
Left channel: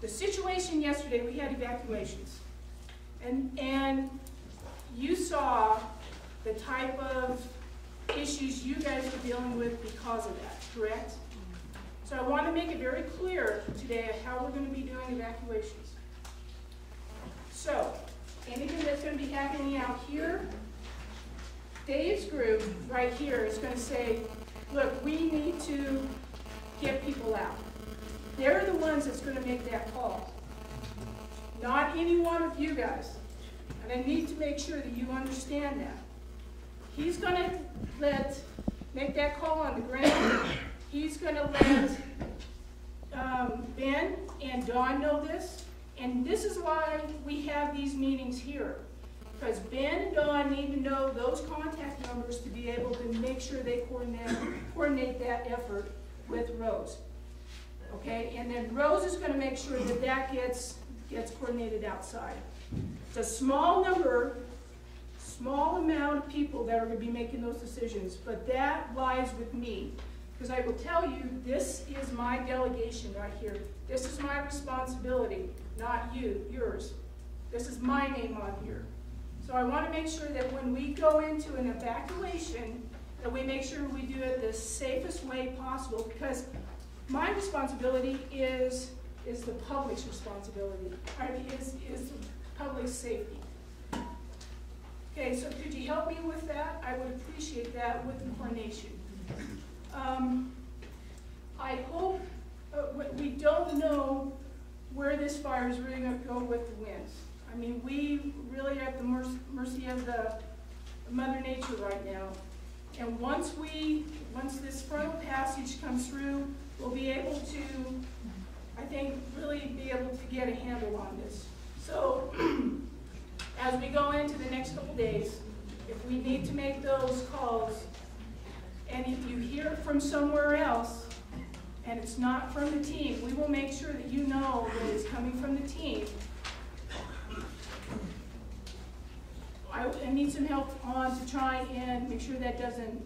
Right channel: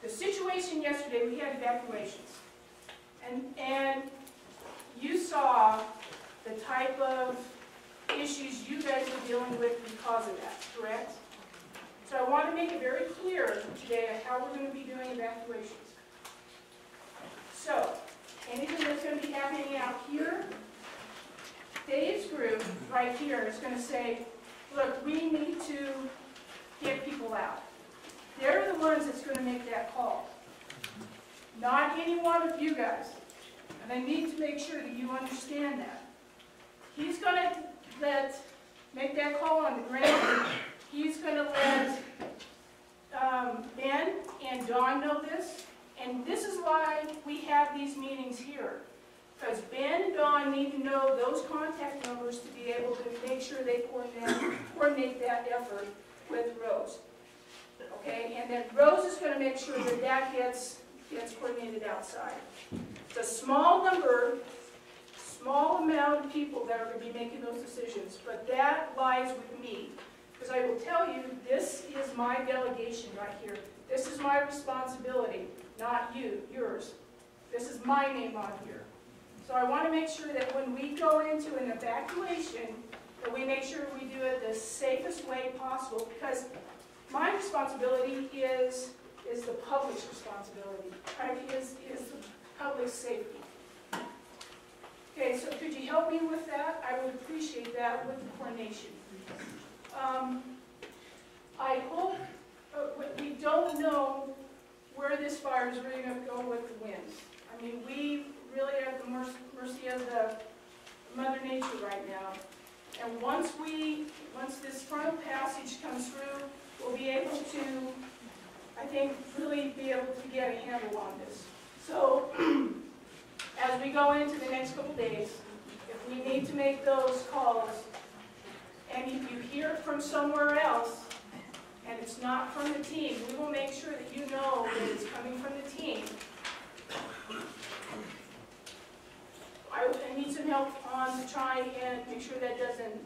the situation yesterday, we had evacuations. And you saw the type of issues you guys were dealing with because of that, correct? So I want to make it very clear today how we're going to be doing evacuations. So, anything that's going to be happening out here, Dave's group right here is going to say, look, we need to get people out. They're the ones that's going to make that call. Not any one of you guys. And I need to make sure that you understand that. He's going to make that call on the ground. He's gonna let Ben and Dawn know this, and this is why we have these meetings here. Because Ben and Dawn need to know those contact numbers to be able to make sure they coordinate that effort with Rose. Okay, and then Rose is gonna make sure that that gets coordinated outside. It's a small number, small amount of people that are gonna be making those decisions, but that lies with me. Because I will tell you, this is my delegation right here. This is my responsibility, not yours. This is my name on here. So I want to make sure that when we go into an evacuation, that we make sure we do it the safest way possible, because my responsibility is the public's responsibility, is the public's safety. Okay, so could you help me with that? I would appreciate that with the coordination. I hope, we don't know where this fire is really going to go with the winds. I mean, we really are at the mercy of the Mother Nature right now. And once this frontal passage comes through, we'll be able to, I think, really be able to get a handle on this. So, as we go into the next couple days, if we need to make those calls, and if you hear it from somewhere else, and it's not from the team, we will make sure that you know that it's coming from the team. I need some help on to try and make sure that doesn't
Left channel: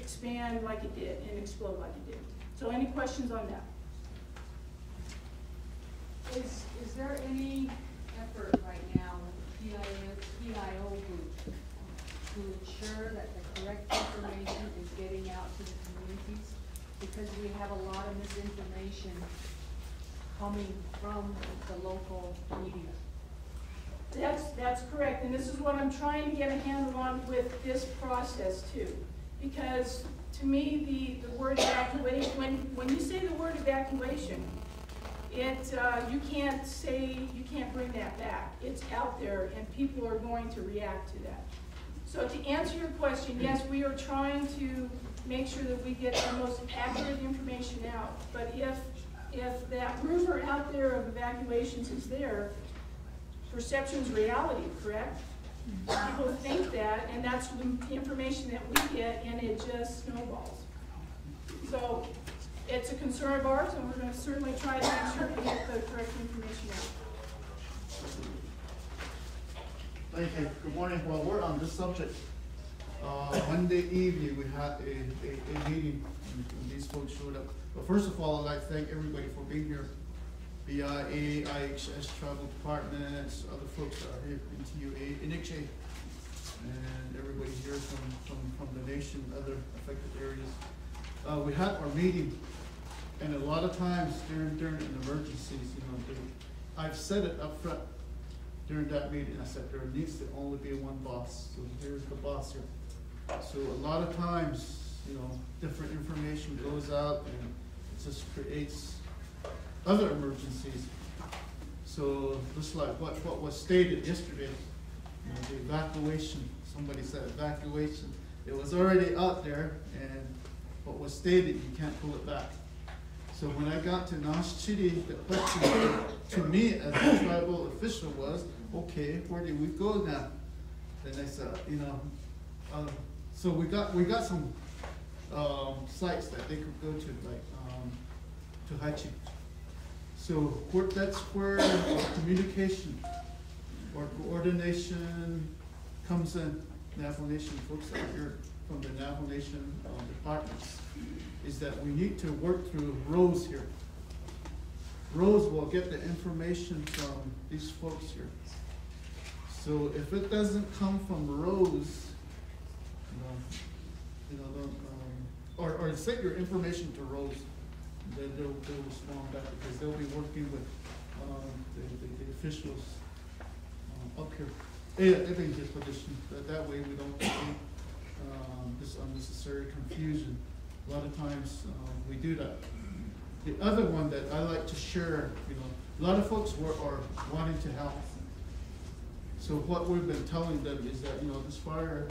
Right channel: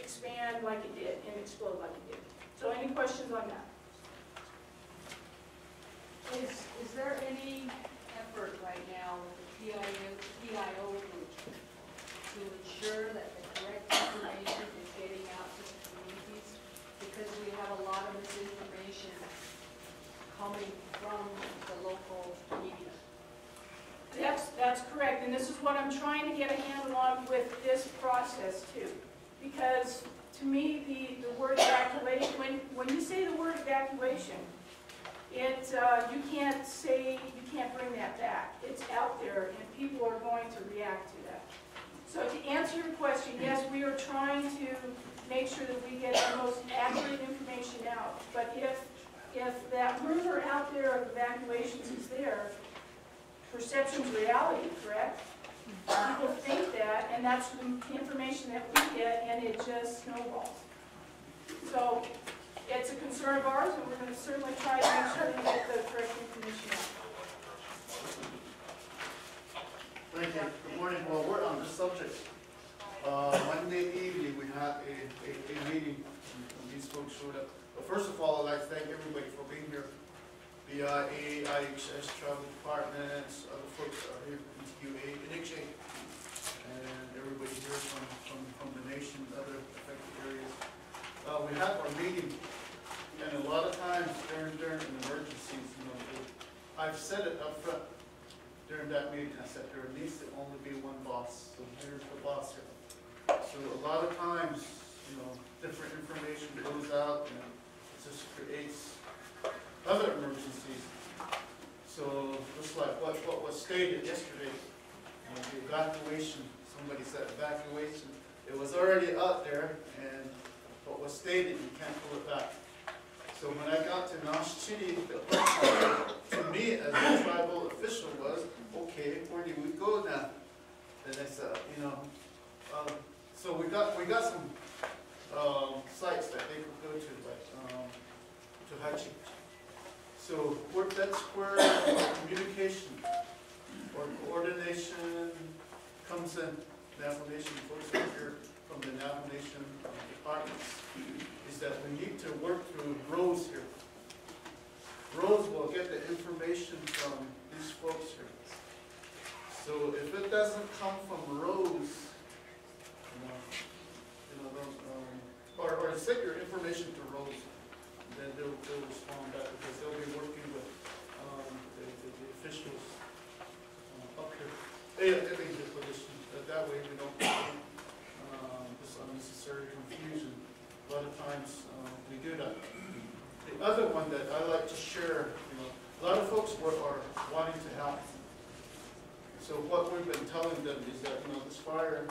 expand like it did and explode like it did. So any questions on that? Is there any effort right now with the PIO group to ensure that the correct information is getting out to the communities? Because we have a lot of misinformation coming from the local media. That's correct, and this is what I'm trying to get a handle on with this process too. Because to me, the word evacuation, when you say the word evacuation, you can't bring that back. It's out there, and people are going to react to that. So to answer your question, yes, we are trying to make sure that we get the most accurate information out. But if that rumor out there of evacuations is there, perception's reality, correct? People think that, and that's the information that we get, and it just snowballs. So it's a concern of ours, and we're going to certainly try to make sure we get the correct information out. Thank you. Good morning. While we're on this subject, Monday evening we had a meeting, and these folks showed up. But first of all, I'd like to thank everybody for being here. BIA, IHS, travel departments, other folks are here from TUA, NHA, and everybody here from the nation, other affected areas. We had our meeting, and a lot of times during an emergencies, I've said it up front during that meeting. I said there needs to only be one boss. So here's the boss here. So a lot of times, different information goes out, and it just creates other emergencies. So just like what was stated yesterday, the evacuation, somebody said evacuation, it was already out there, and what was stated, you can't pull it back. So when I got to Nash City, the question to me as a tribal official was, okay, where do we go now? And I said, so we got some sites that they could go to, like to Hachi. So that's where communication or coordination comes in. Navajo Nation folks that are here from the Navajo Nation departments, is that we need to work through Rose here. Rose will get the information from these folks here. So if it doesn't come from Rose, or send your information to Rose, then they'll respond back, because they'll be working with the officials up here. I think just that way we don't get this unnecessary confusion. A lot of times we do that. The other one that I like to share, a lot of folks are wanting to help. So what we've been telling them is that this fire,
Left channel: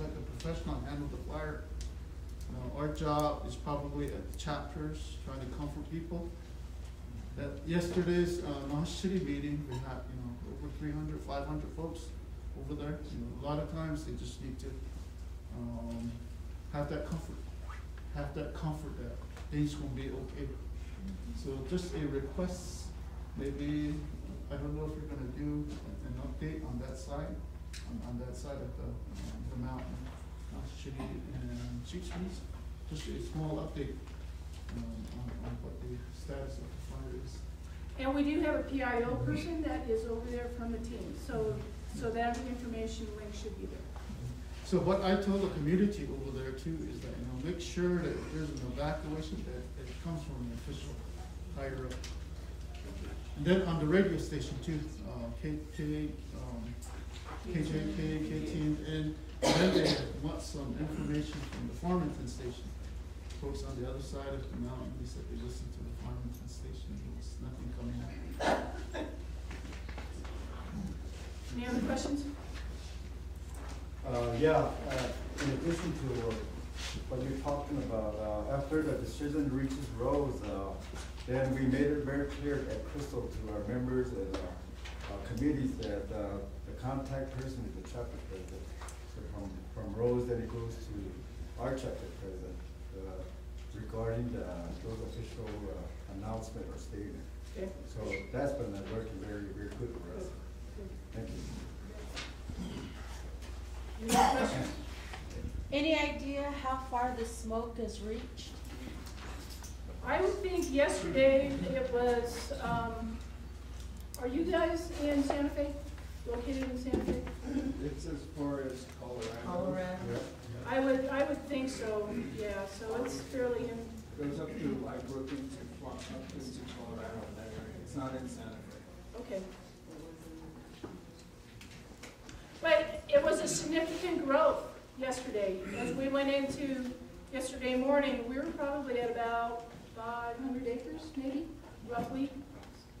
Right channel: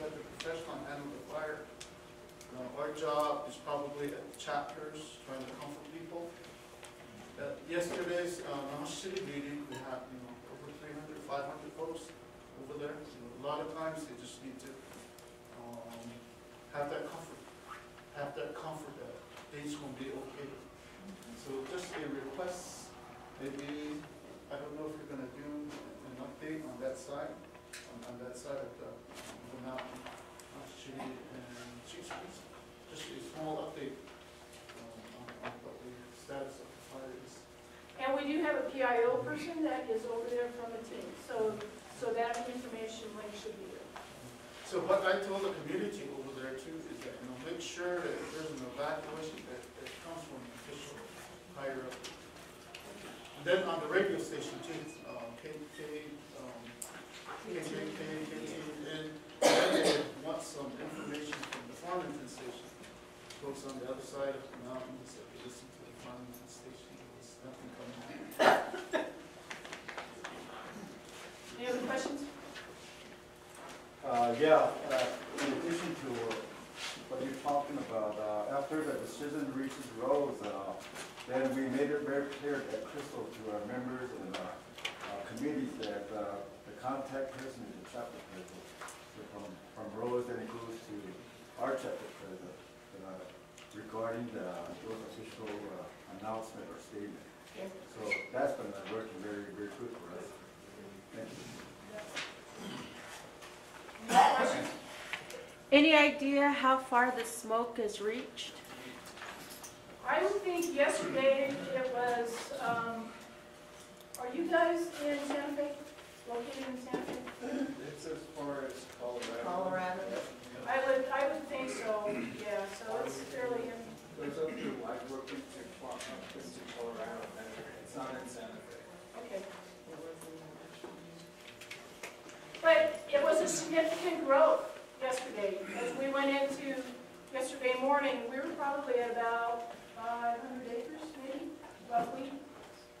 let the professional handle the fire. Our job is probably at chapters, trying to comfort people. Yesterday's Naha City meeting, we had over 300, 500 folks over there. A lot of times they just need to have that comfort that things gonna be okay. So just a request, maybe, I don't know if you're gonna do an update on that side, on that side of the mountain, City and Street Streets. Just a small update on what the status of the fire is. And we do have a PIO person that is over there from the team, so that information link should be there. So what I told the community over there too is that, make sure that if there's an evacuation, that it comes from an official higher up. And then on the radio station too, KTN, and then they want some information from the Farmington station. Folks on the other side of the mountain, they said they listen to the Farmington station, there's nothing coming out. Any other questions? In addition to what you're talking about, after the decision reaches Rose, then we made it very clear at Crystal to our members and committees that the contact person is the chapter president. So from Rose, then it goes to our chapter president regarding those official announcement or statement. Okay. So that's been working very, very good for us. Thank you. Any questions? Any idea how far the smoke has reached? I would think yesterday it was, are you guys in Santa Fe? Located in Santa Fe? It's as far as Colorado. Colorado? Yeah. I would think so, yeah, so it's fairly in. Goes up to Blackbrook into Colorado. It's not in Santa Fe. Okay. But it was a significant growth yesterday. As we went into yesterday morning, we were probably at about 500 acres, maybe, roughly.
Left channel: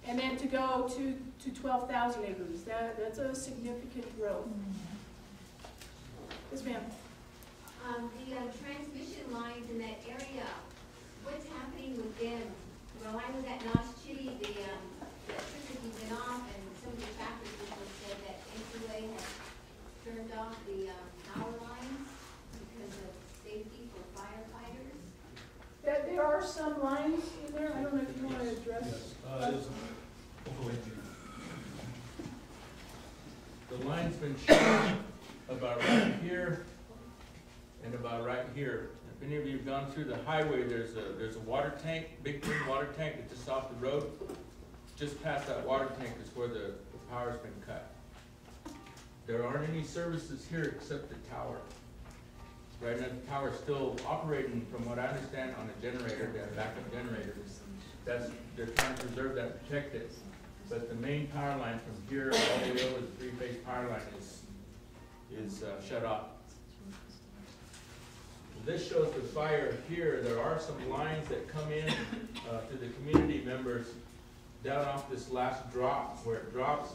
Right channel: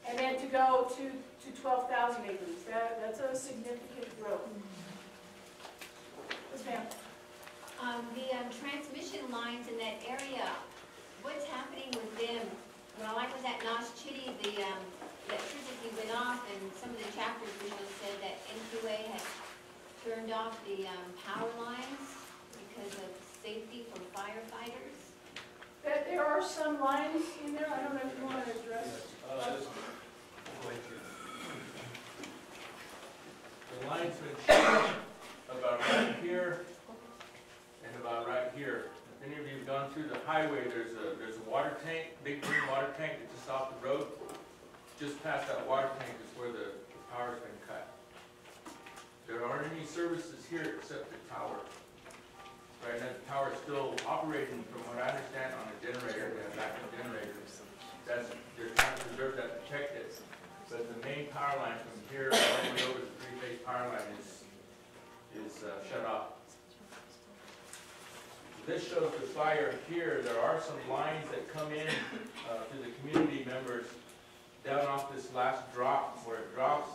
And then to go to 12,000 acres, that's a significant growth. Yes, ma'am. The transmission lines in that area, what's happening with them? While I was at Nas Chitty, the electricity went off, and some of the chapter officials said that NQA had turned off the power lines because of safety for firefighters. There are some lines in there. I don't know if you want to address. The line's been changed about right here and about right here. If any of you have gone through the highway, there's a water tank, big green water tank that's just off the road. Just past that water tank is where the power's been cut. There aren't any services here except the tower. Right now, the tower's still operating, from what I understand, on a generator, a backup generator. They're trying to preserve that, protect it. But the main power line from here all the way over the three-phase power line is shut off. This shows the fire here. There are some lines that come in to the community members down off this last drop where it drops.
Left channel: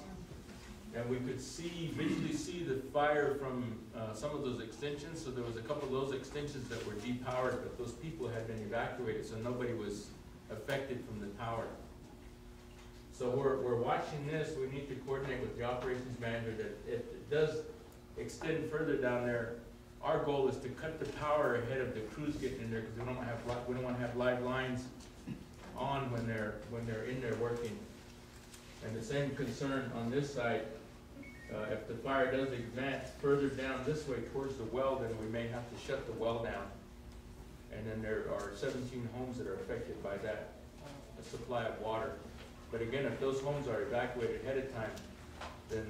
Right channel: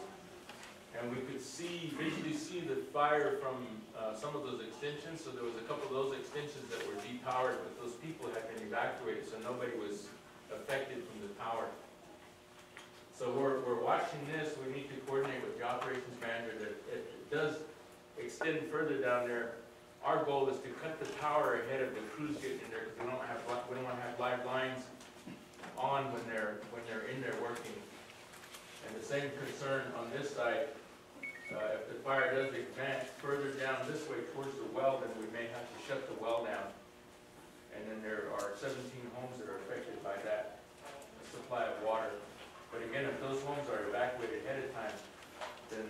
And we could visually see the fire from some of those extensions. So there was a couple of those extensions that were depowered, but those people had been evacuated, so nobody was affected from the power. So we're watching this. We need to coordinate with the operations manager that if it does extend further down there, our goal is to cut the power ahead of the crews getting in there, because we don't want to have live lines on when they're in there working. And the same concern on this side. If the fire does advance further down this way towards the well, then we may have to shut the well down. And then there are 17 homes that are affected by that supply of water. But again, if those homes are evacuated ahead of time, then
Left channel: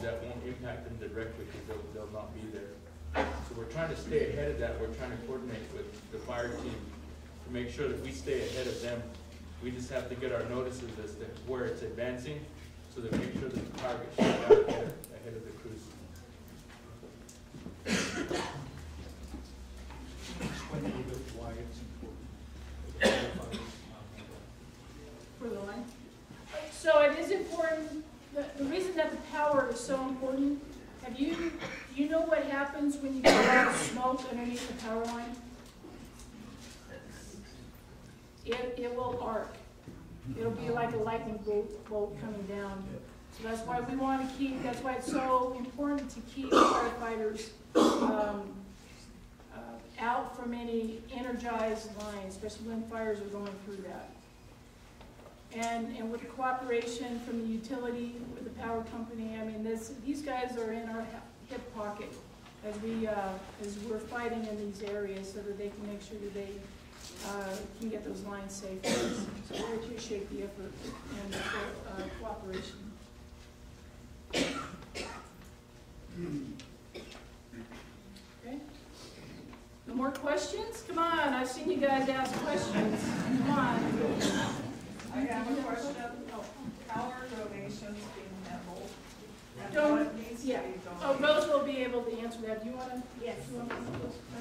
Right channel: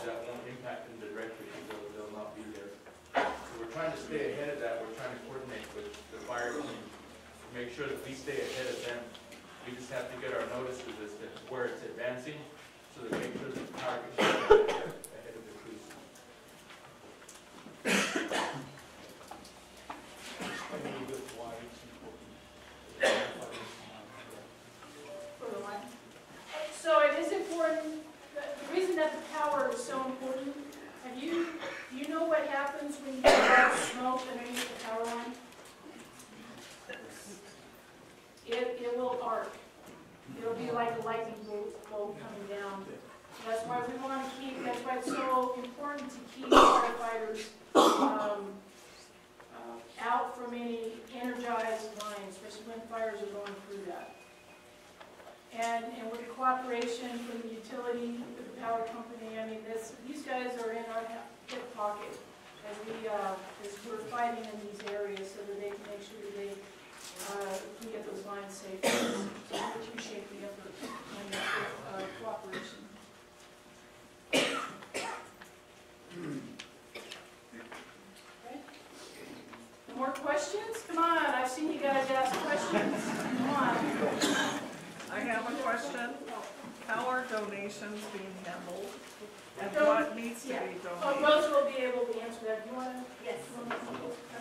that won't impact them directly, because they'll not be there. So we're trying to stay ahead of that. We're trying to coordinate with the fire team to make sure that we stay ahead of them. We just have to get our notices as to where it's advancing, so that we make sure that the power gets shut down ahead of the crews. Explain a little bit why it's important. For the line? So it is important. The reason that the power is so important, do you know what happens when you get a lot of smoke underneath the power line? it will arc. It'll be like a lightning bolt coming down. So that's why we want to keep, that's why it's so important to keep firefighters out from any energized lines, especially when fires are going through that. And with the cooperation from the utility, with the power company, I mean, these guys are in our hip pocket as we're fighting in these areas so that they can make sure that they can get those lines safe. So we appreciate the effort and the cooperation. Okay. No more questions? Come on, I've seen you guys ask questions. Come on. I have a question. How are donations being handled? And what needs to be donated? Oh, Rose will be able to answer that. Do you want to? Yes.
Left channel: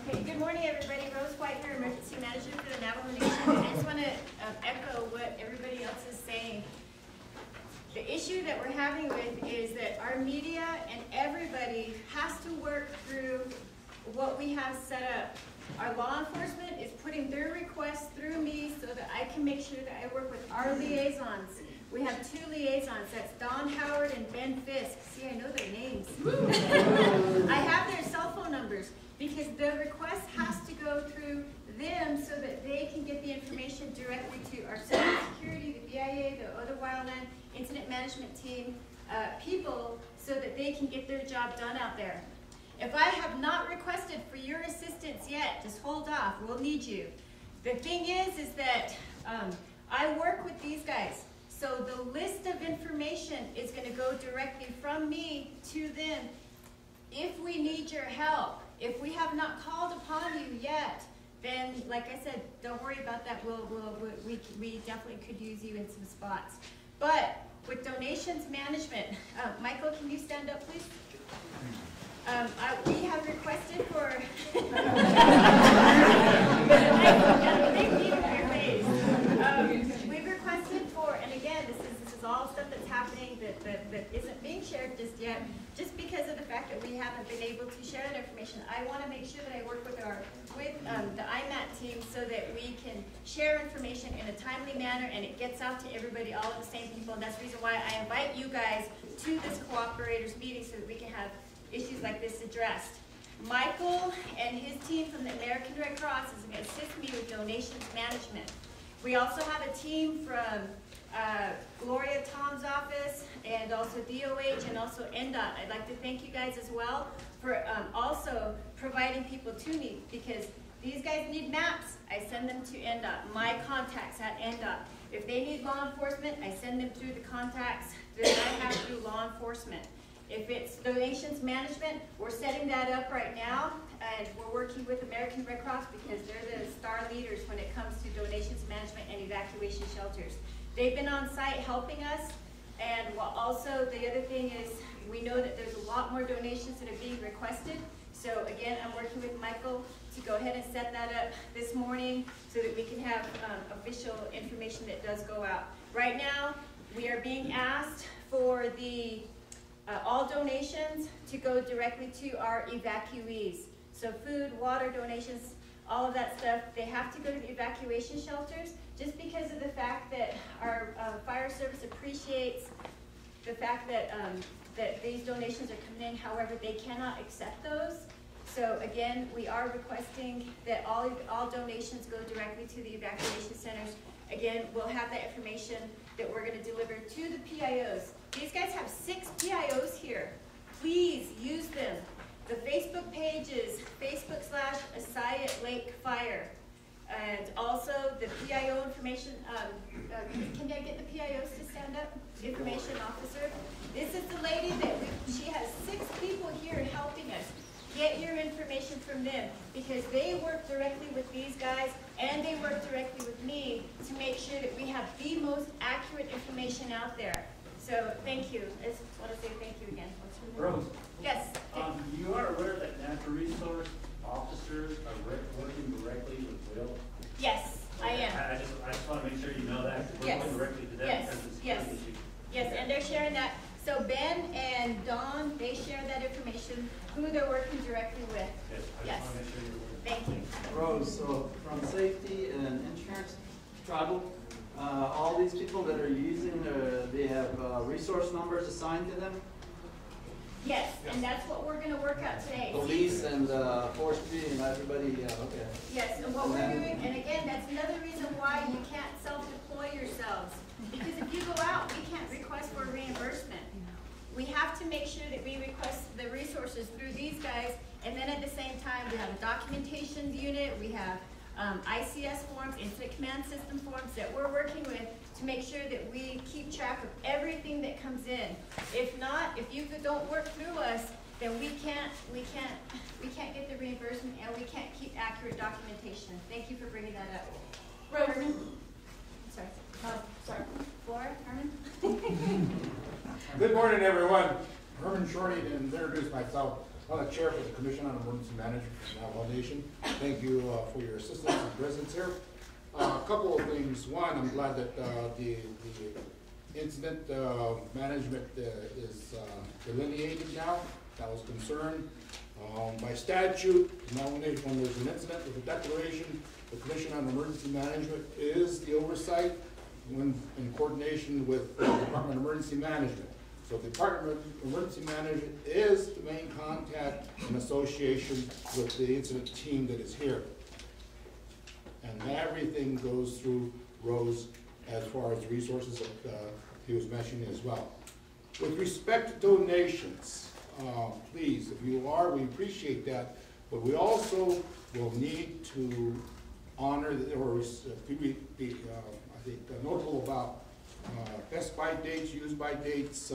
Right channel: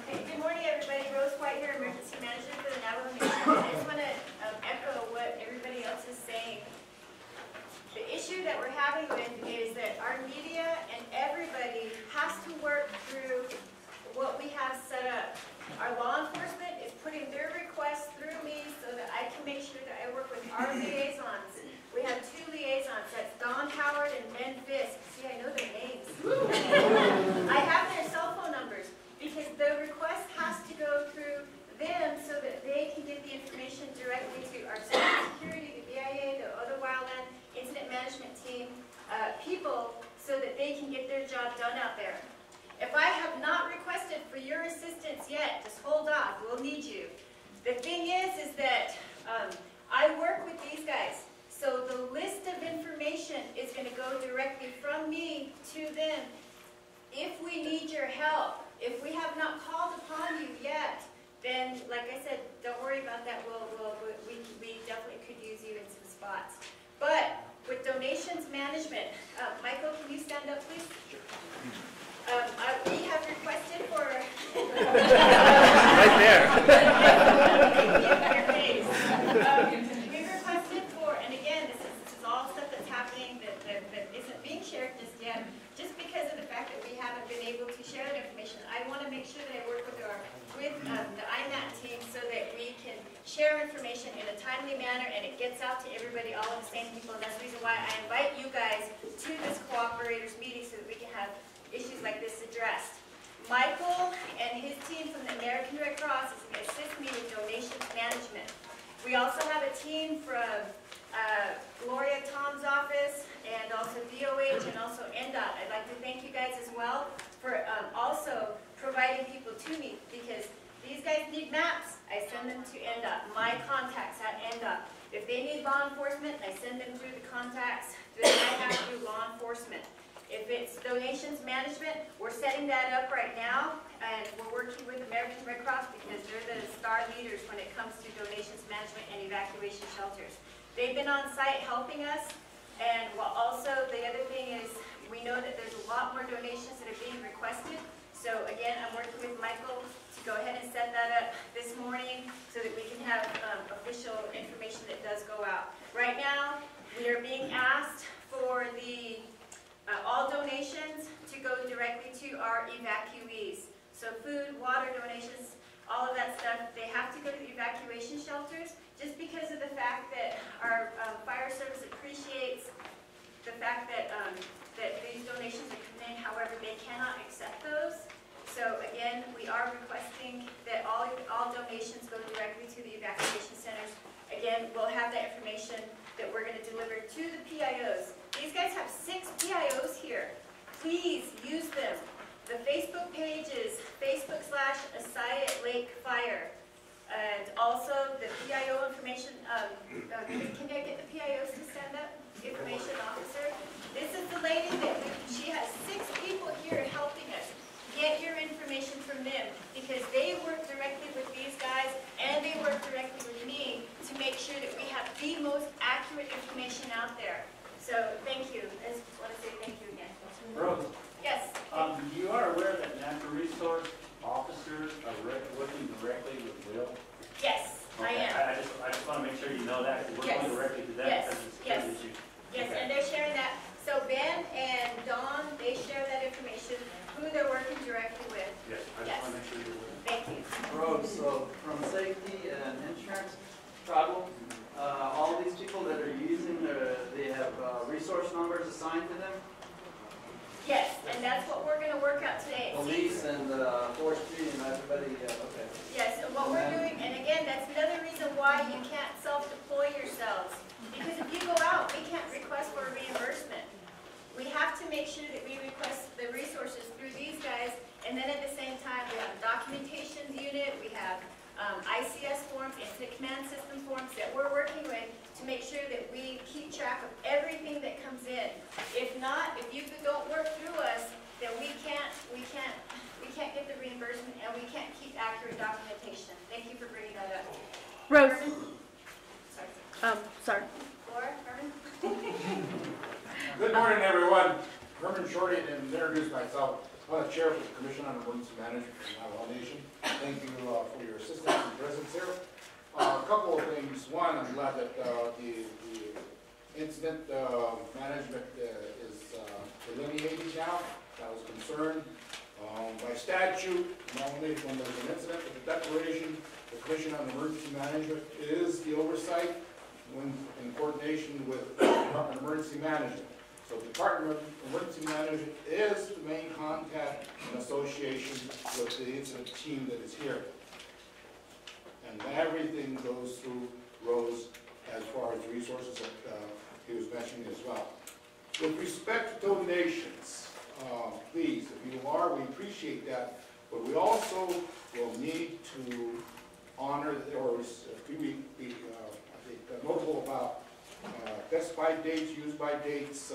Okay, good morning, everybody. Rose White here, Emergency Manager for the Navajo Nation. I just want to echo what everybody else is saying. The issue that we're having with is that our media and everybody has to work through what we have set up. Our law enforcement is putting their requests through me so that I can make sure that I work with our liaisons. We have 2 liaisons, that's Don Howard and Ben Fisk. See, I know their names. I have their cell phone numbers because the request has to go through them so that they can get the information directly to our security, the BIA, the other wildland incident management team people so that they can get their job done out there. If I have not requested for your assistance yet, just hold off, we'll need you. The thing is that I work with these guys. So the list of information is going to go directly from me to them. If we need your help, if we have not called upon you yet, then like I said, don't worry about that. We definitely could use you in some spots. But with donations management, Michael, can you stand up, please? We have requested for. We've requested for, and again, this is all stuff that's happening that isn't being shared just yet, just because of the fact that we haven't been able to share that information. I want to make sure that I work with the IMAT team so that we can share information in a timely manner and it gets out to everybody, all of the same people, and that's the reason why I invite you guys to this cooperators meeting so that we can have issues like this addressed. Michael and his team from the American Red Cross is going to assist me with donations management. We also have a team from Gloria Tom's office and also DOH and also NDOT. I'd like to thank you guys as well for also providing people to me because these guys need maps. I send them to NDOT. My contacts at NDOT. If they need law enforcement, I send them through the contacts that I have through law enforcement. If it's donations management, we're setting that up right now, and we're working with American Red Cross because they're the star leaders when it comes to donations management and evacuation shelters. They've been on site helping us, and also the other thing is we know that there's a lot more donations that are being requested. So again, I'm working with Michael to go ahead and set that up this morning so that we can have official information that does go out. Right now, we are being asked for the all donations to go directly to our evacuees. So food, water donations, all of that stuff, they have to go to the evacuation shelters just because of the fact that our fire service appreciates the fact that that these donations are coming in. However, they cannot accept those. So again, we are requesting that all donations go directly to the evacuation centers. Again, we'll have that information that we're going to deliver to the PIOs. These guys have 6 PIOs here. Please use them. The Facebook page is Facebook/Assayii Lake Fire. And also the PIO information, can I get the PIOs to stand up? Information officer. This is the lady that, she has 6 people here helping us. Get your information from them because they work directly with these guys and they work directly with me to make sure that we have the most accurate information out there. So thank you. I just want to say thank you again. Rose. Yes. You are aware that natural resource officers are working directly with Will? Yes, Okay. I am. I just want to make sure you know that because we're Yes. going directly to them Yes. because it's a Yes. security issue. Yes, Okay. and they're sharing that. So Ben and Dawn, they share that information, who they're working directly with. Yes, I Yes. just want to make sure you're aware. Thank you. Rose, so from safety and insurance, struggle. All these people that are using, they have resource numbers assigned to them. Yes, and that's what we're gonna work out today. Police and forestry and everybody, okay. Yes, and what we're doing, and again, that's another reason why you can't self-deploy yourselves. Because if you go out, we can't request for a reimbursement. We have to make sure that we request the resources through these guys, and then at the same time, we have a documentation unit, we have ICS forms, incident command system forms that we're working with to make sure that we keep track of everything that comes in. If not, if you don't work through us, then we can't get the reimbursement, and we can't keep accurate documentation. Thank you for bringing that up. Rose. Herman? Sorry. Sorry. Herman? Good morning, everyone. Herman Shorty, to introduce myself. I'm the chair for the Commission on Emergency Management for the Navajo Nation. Thank you for your assistance and presence here. A couple of things. One, I'm glad that the incident management is delineated now. That was concerned. By statute, normally when there's an incident with a declaration, the Commission on Emergency Management is the oversight when in coordination with the Department of Emergency Management. So the Department of Emergency Management is the main contact in association with the incident team that is here. And everything goes through Rose as far as resources that he was mentioning as well. With respect to donations, please, if you are, we appreciate that, but we also will need to honor, or be, I think, notable about best by dates, use by dates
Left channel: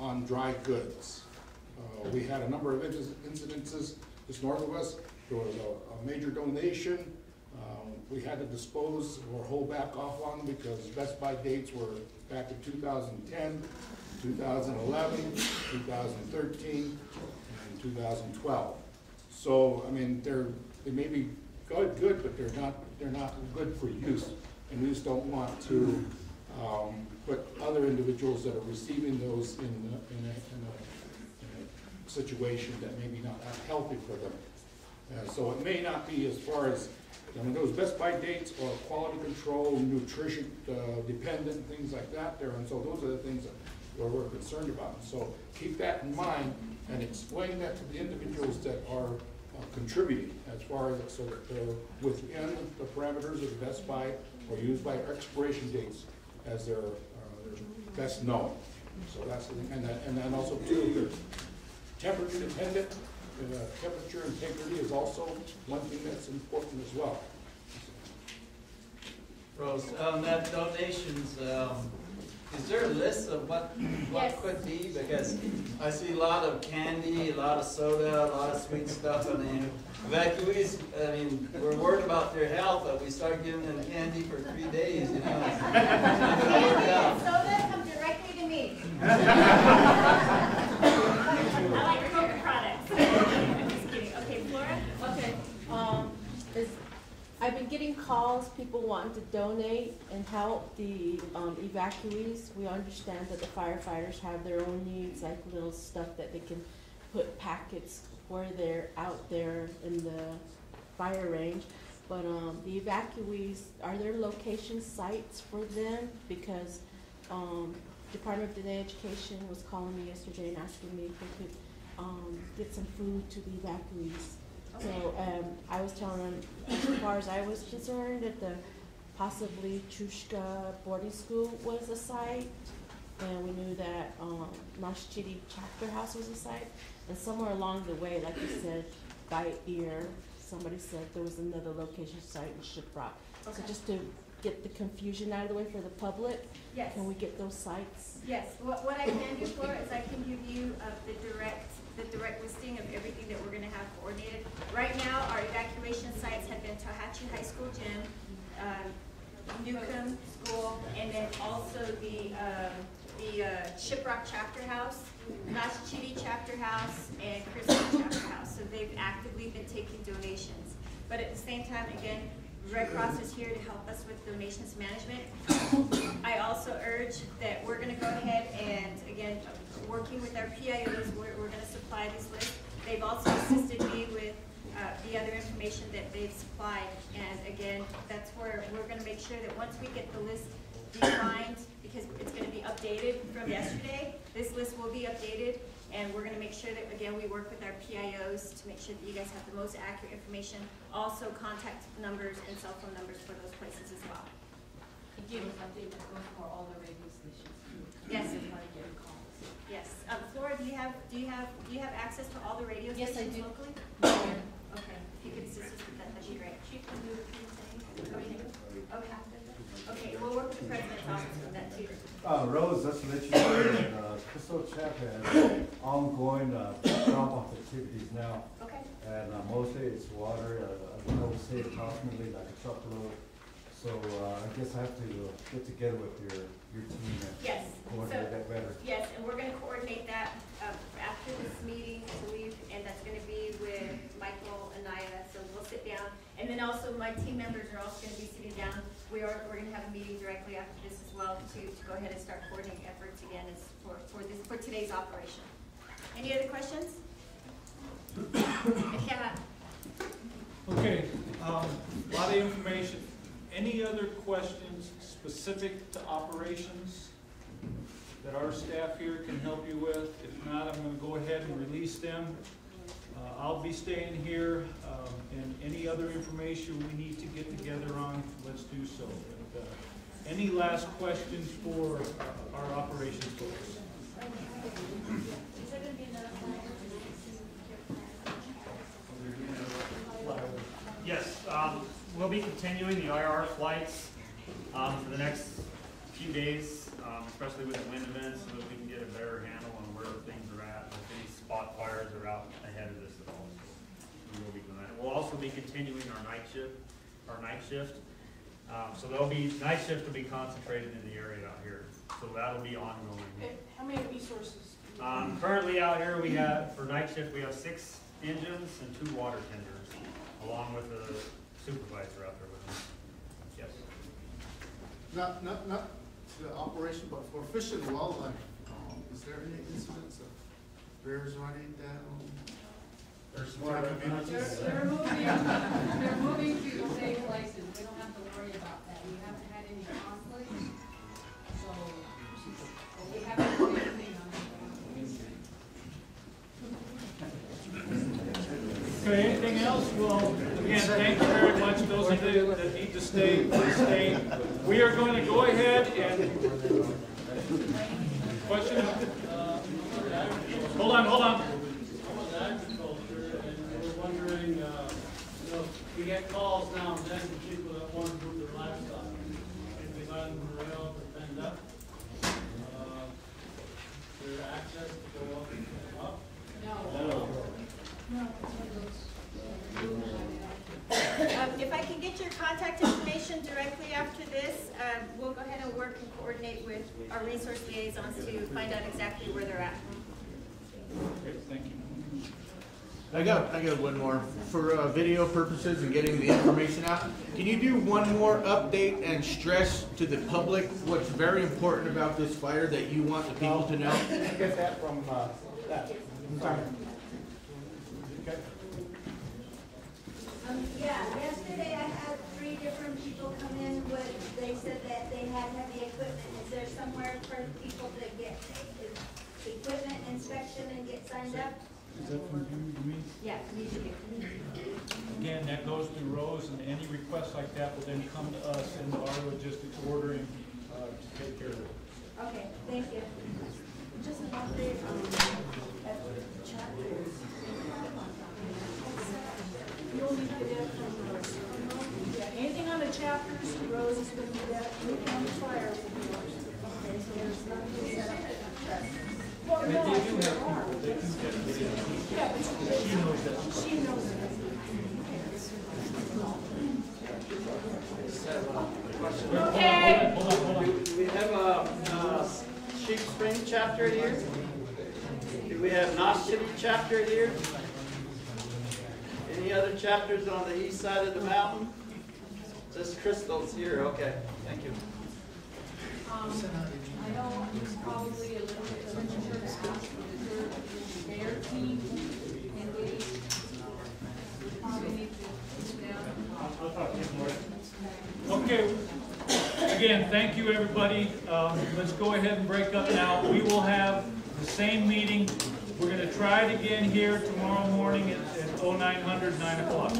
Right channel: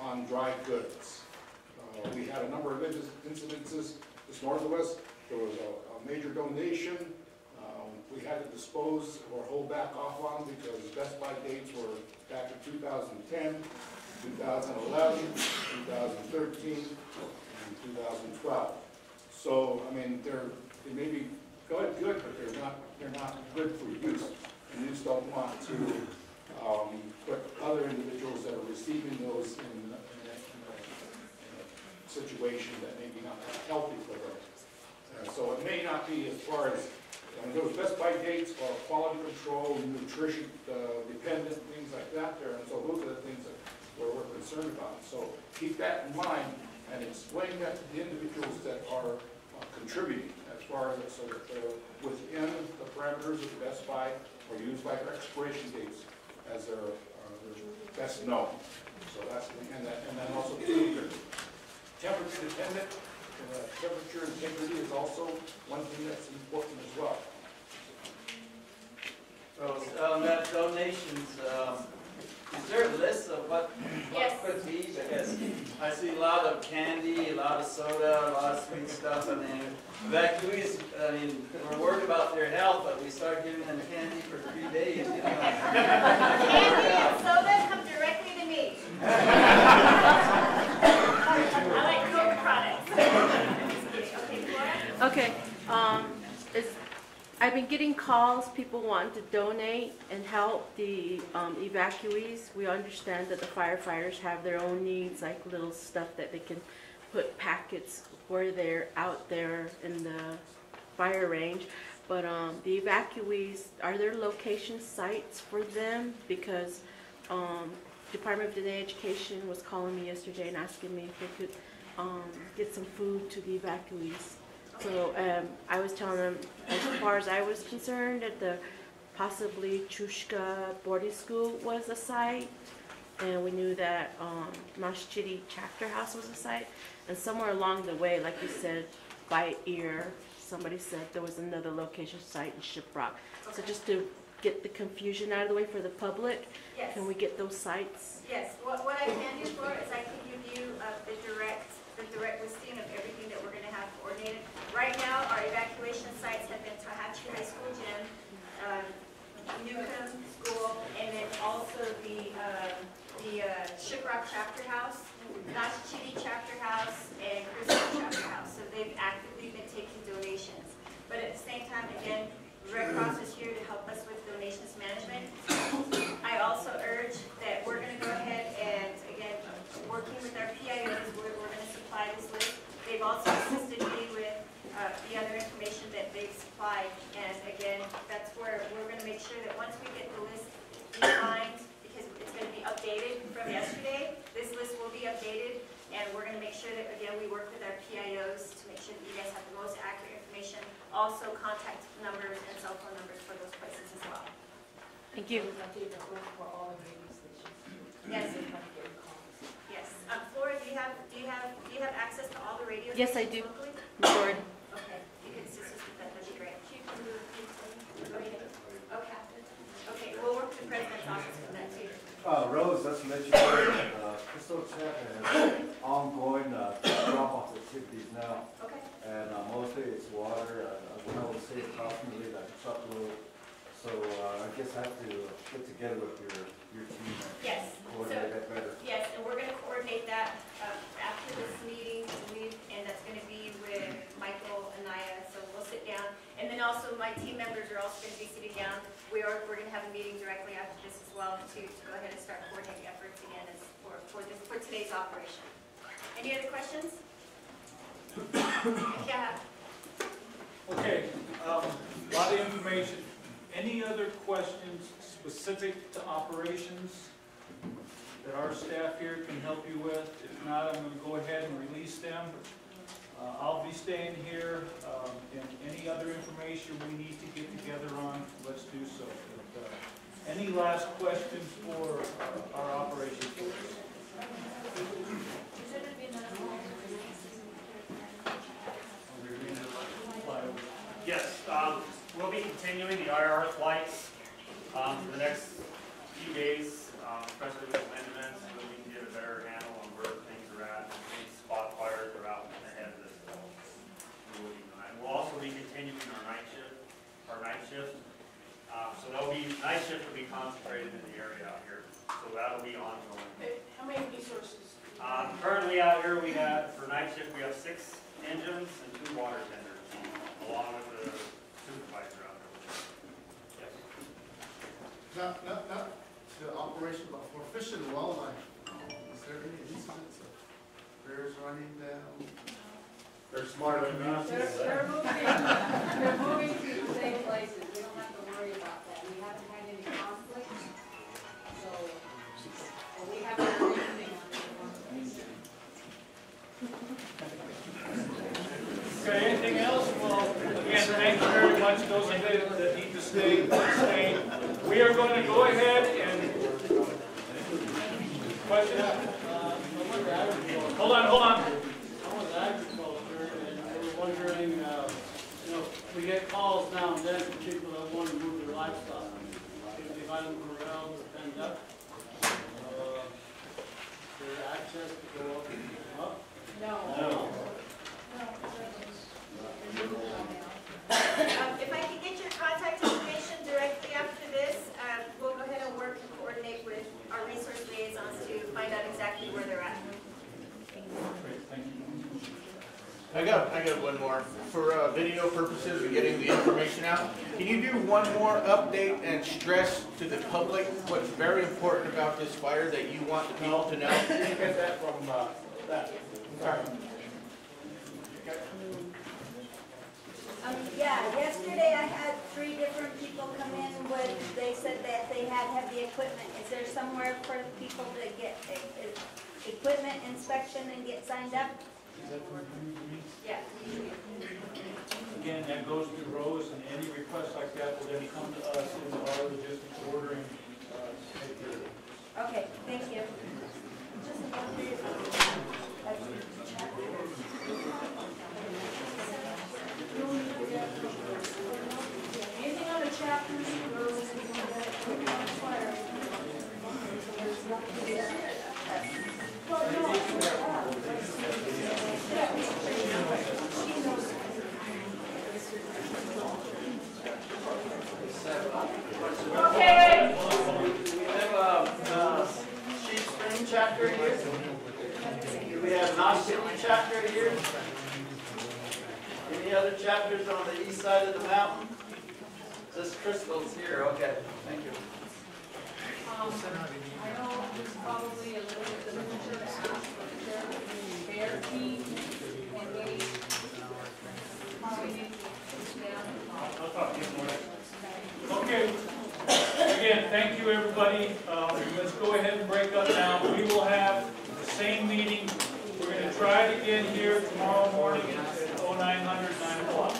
on dry goods. We had a number of incidences just north of us. There was a major donation. We had to dispose or hold back off on because best by dates were back in 2010, 2011, 2013, and 2012. So, I mean, they may be good, but they're not good for use. And we just don't want to put other individuals that are receiving those in a situation that may be not that healthy for them. So it may not be as far as, I mean, those best by dates or quality control, nutrition dependent, things like that there. And so those are the things that we're concerned about. And so keep that in mind and explain that to the individuals that are contributing as far as so that they're within the parameters of the best by or used by expiration dates as they're best known. So that's the thing. And then also too, temperature dependent. Temperature integrity is also one thing that's important as well. Rose, that donations, is there a list of what could be? Because I see a lot of candy, a lot of soda, a lot of sweet stuff. I mean, evacuees, I mean, we're worried about their health, but we start giving them candy for 3 days. You know? Candy and soda come directly to me. I like Coke products. I'm just kidding. Okay, Flora? Okay, I've been getting calls, people want to donate and help the evacuees. We understand that the firefighters have their own needs, like little stuff that they can put packets where they're out there in the fire range. But the evacuees, are there location sites for them? Because Department of Education was calling me yesterday and asking me if they could get some food to the evacuees. So I was telling them, as far as I was concerned, that the possibly Chushka boarding school was a site, and we knew that Mashchidi Chapter House was a site, and somewhere along the way, like you said, by ear, somebody said there was another location site in Shiprock. Okay. So just to get the confusion out of the way for the public, yes. Can we get those sites? Yes. What I can do, Flora, is I can give you the direct listing of everything that we're going to have coordinated. Right now, our evacuation sites have been Tahachi High School Gym, Newcomb School, and then also the Shiprock Chapter House, Nashchidi Chapter House, and Crystal Chapter House. So they've actively been taking donations. But at the same time, again, Red Cross is here to help us with donations management. I also urge that we're going to go ahead and, again, working with our PIOs, we're going to supply this list. They've also assisted me with the other information information that they've supplied. And again, that's where we're gonna make sure that once we get the list defined, because it's gonna be updated from yesterday, this list will be updated, and we're gonna make sure that, again, we work with our PIOs to make sure that you guys have the most accurate information. Also contact numbers and cell phone numbers for those places as well. Thank you. For all the radio stations. Yes. Yes. Flora, do you have access to all the radio Yes, I stations do. locally? Sure. Okay, if you could assist us with that, that'd be great. Okay. Okay, we'll work with the president's office with that too. Rose, just to let you know that Crystal Check has ongoing drop-off activities now. Okay. And mostly it's water. I would say approximately like a truckload. So I guess I have to get together with your team and Yes. coordinate that better. Yes, and we're gonna coordinate that after this meeting, I believe, and that's gonna be with Michael and Naya, so we'll sit down. And then also my team members are also gonna be sitting down. We're gonna have a meeting directly after this as well to go ahead and start coordinating efforts again as for today's operation. Any other questions? Yeah. Okay, a lot of information. Any other questions specific to operations that our staff here can help you with? If not, I'm going to go ahead and release them. I'll be staying here, and any other information we need to get together on, let's do so. But, any last questions for our operations folks? Yes, we'll be continuing the IR flights for the next few days, especially with the wind events, so that we can get a better handle on where things are at, and if any spot fires are out ahead of this as well. We will be doing that. We'll also be continuing our night shift. So there'll be, night shift will be concentrated in the area out here, so that'll be ongoing. How many resources? Currently out here, we have, for night shift, we have 6 engines and 2 water tenders, along with the supervisor out there with us. Yes. Not the operation, but for fish and wildlife, is there any incidents of bears running down? They're smart enough. They're moving to the same places, we don't have to worry about that, we haven't had any conflicts, so we haven't heard anything on it. Okay, anything else? Well, again, thank you very much. Those of you that need to stay. We are going to go ahead and question. Hold on. I was agriculture, and we're wondering, we get calls now and then from people that want to move their livestock. If the island morels are penned up, their access to go up? No. If I can get your contact information directly after this, we'll go ahead and work and coordinate with our resource liaisons to find out exactly where they're at. Great, thank you. I got one more. For video purposes and getting the information out, can you do one more update and stress to the public what's very important about this fire that you want the people to know? You can get that from that. Sorry. Okay. Yeah, yesterday I had 3 different people come in with, they said that they had heavy equipment. Is there somewhere for people to get equipment inspection and get signed up? Is that from you to me? Yeah. Again, that goes through Rose, and any requests like that will then come to us into our logistics ordering to take care of it. Okay, thank you. Just an update on the chapters. Anything on the chapters, Rose, we need that, anything on the fire. Well, no, yeah, she knows it. Okay. We have a Sheep Spring chapter here. We have Knox City chapter here. Any other chapters on the east side of the mountain? Just Crystal's here, okay, thank you. I know it's probably a little bit premature to ask for the third bear team and maybe probably again, thank you, everybody. Let's go ahead and break up now. We will have the same meeting. We're going to try it again here tomorrow morning at 0900, 9 o'clock.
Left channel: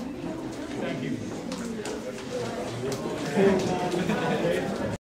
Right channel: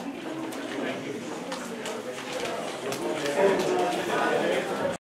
Thank you.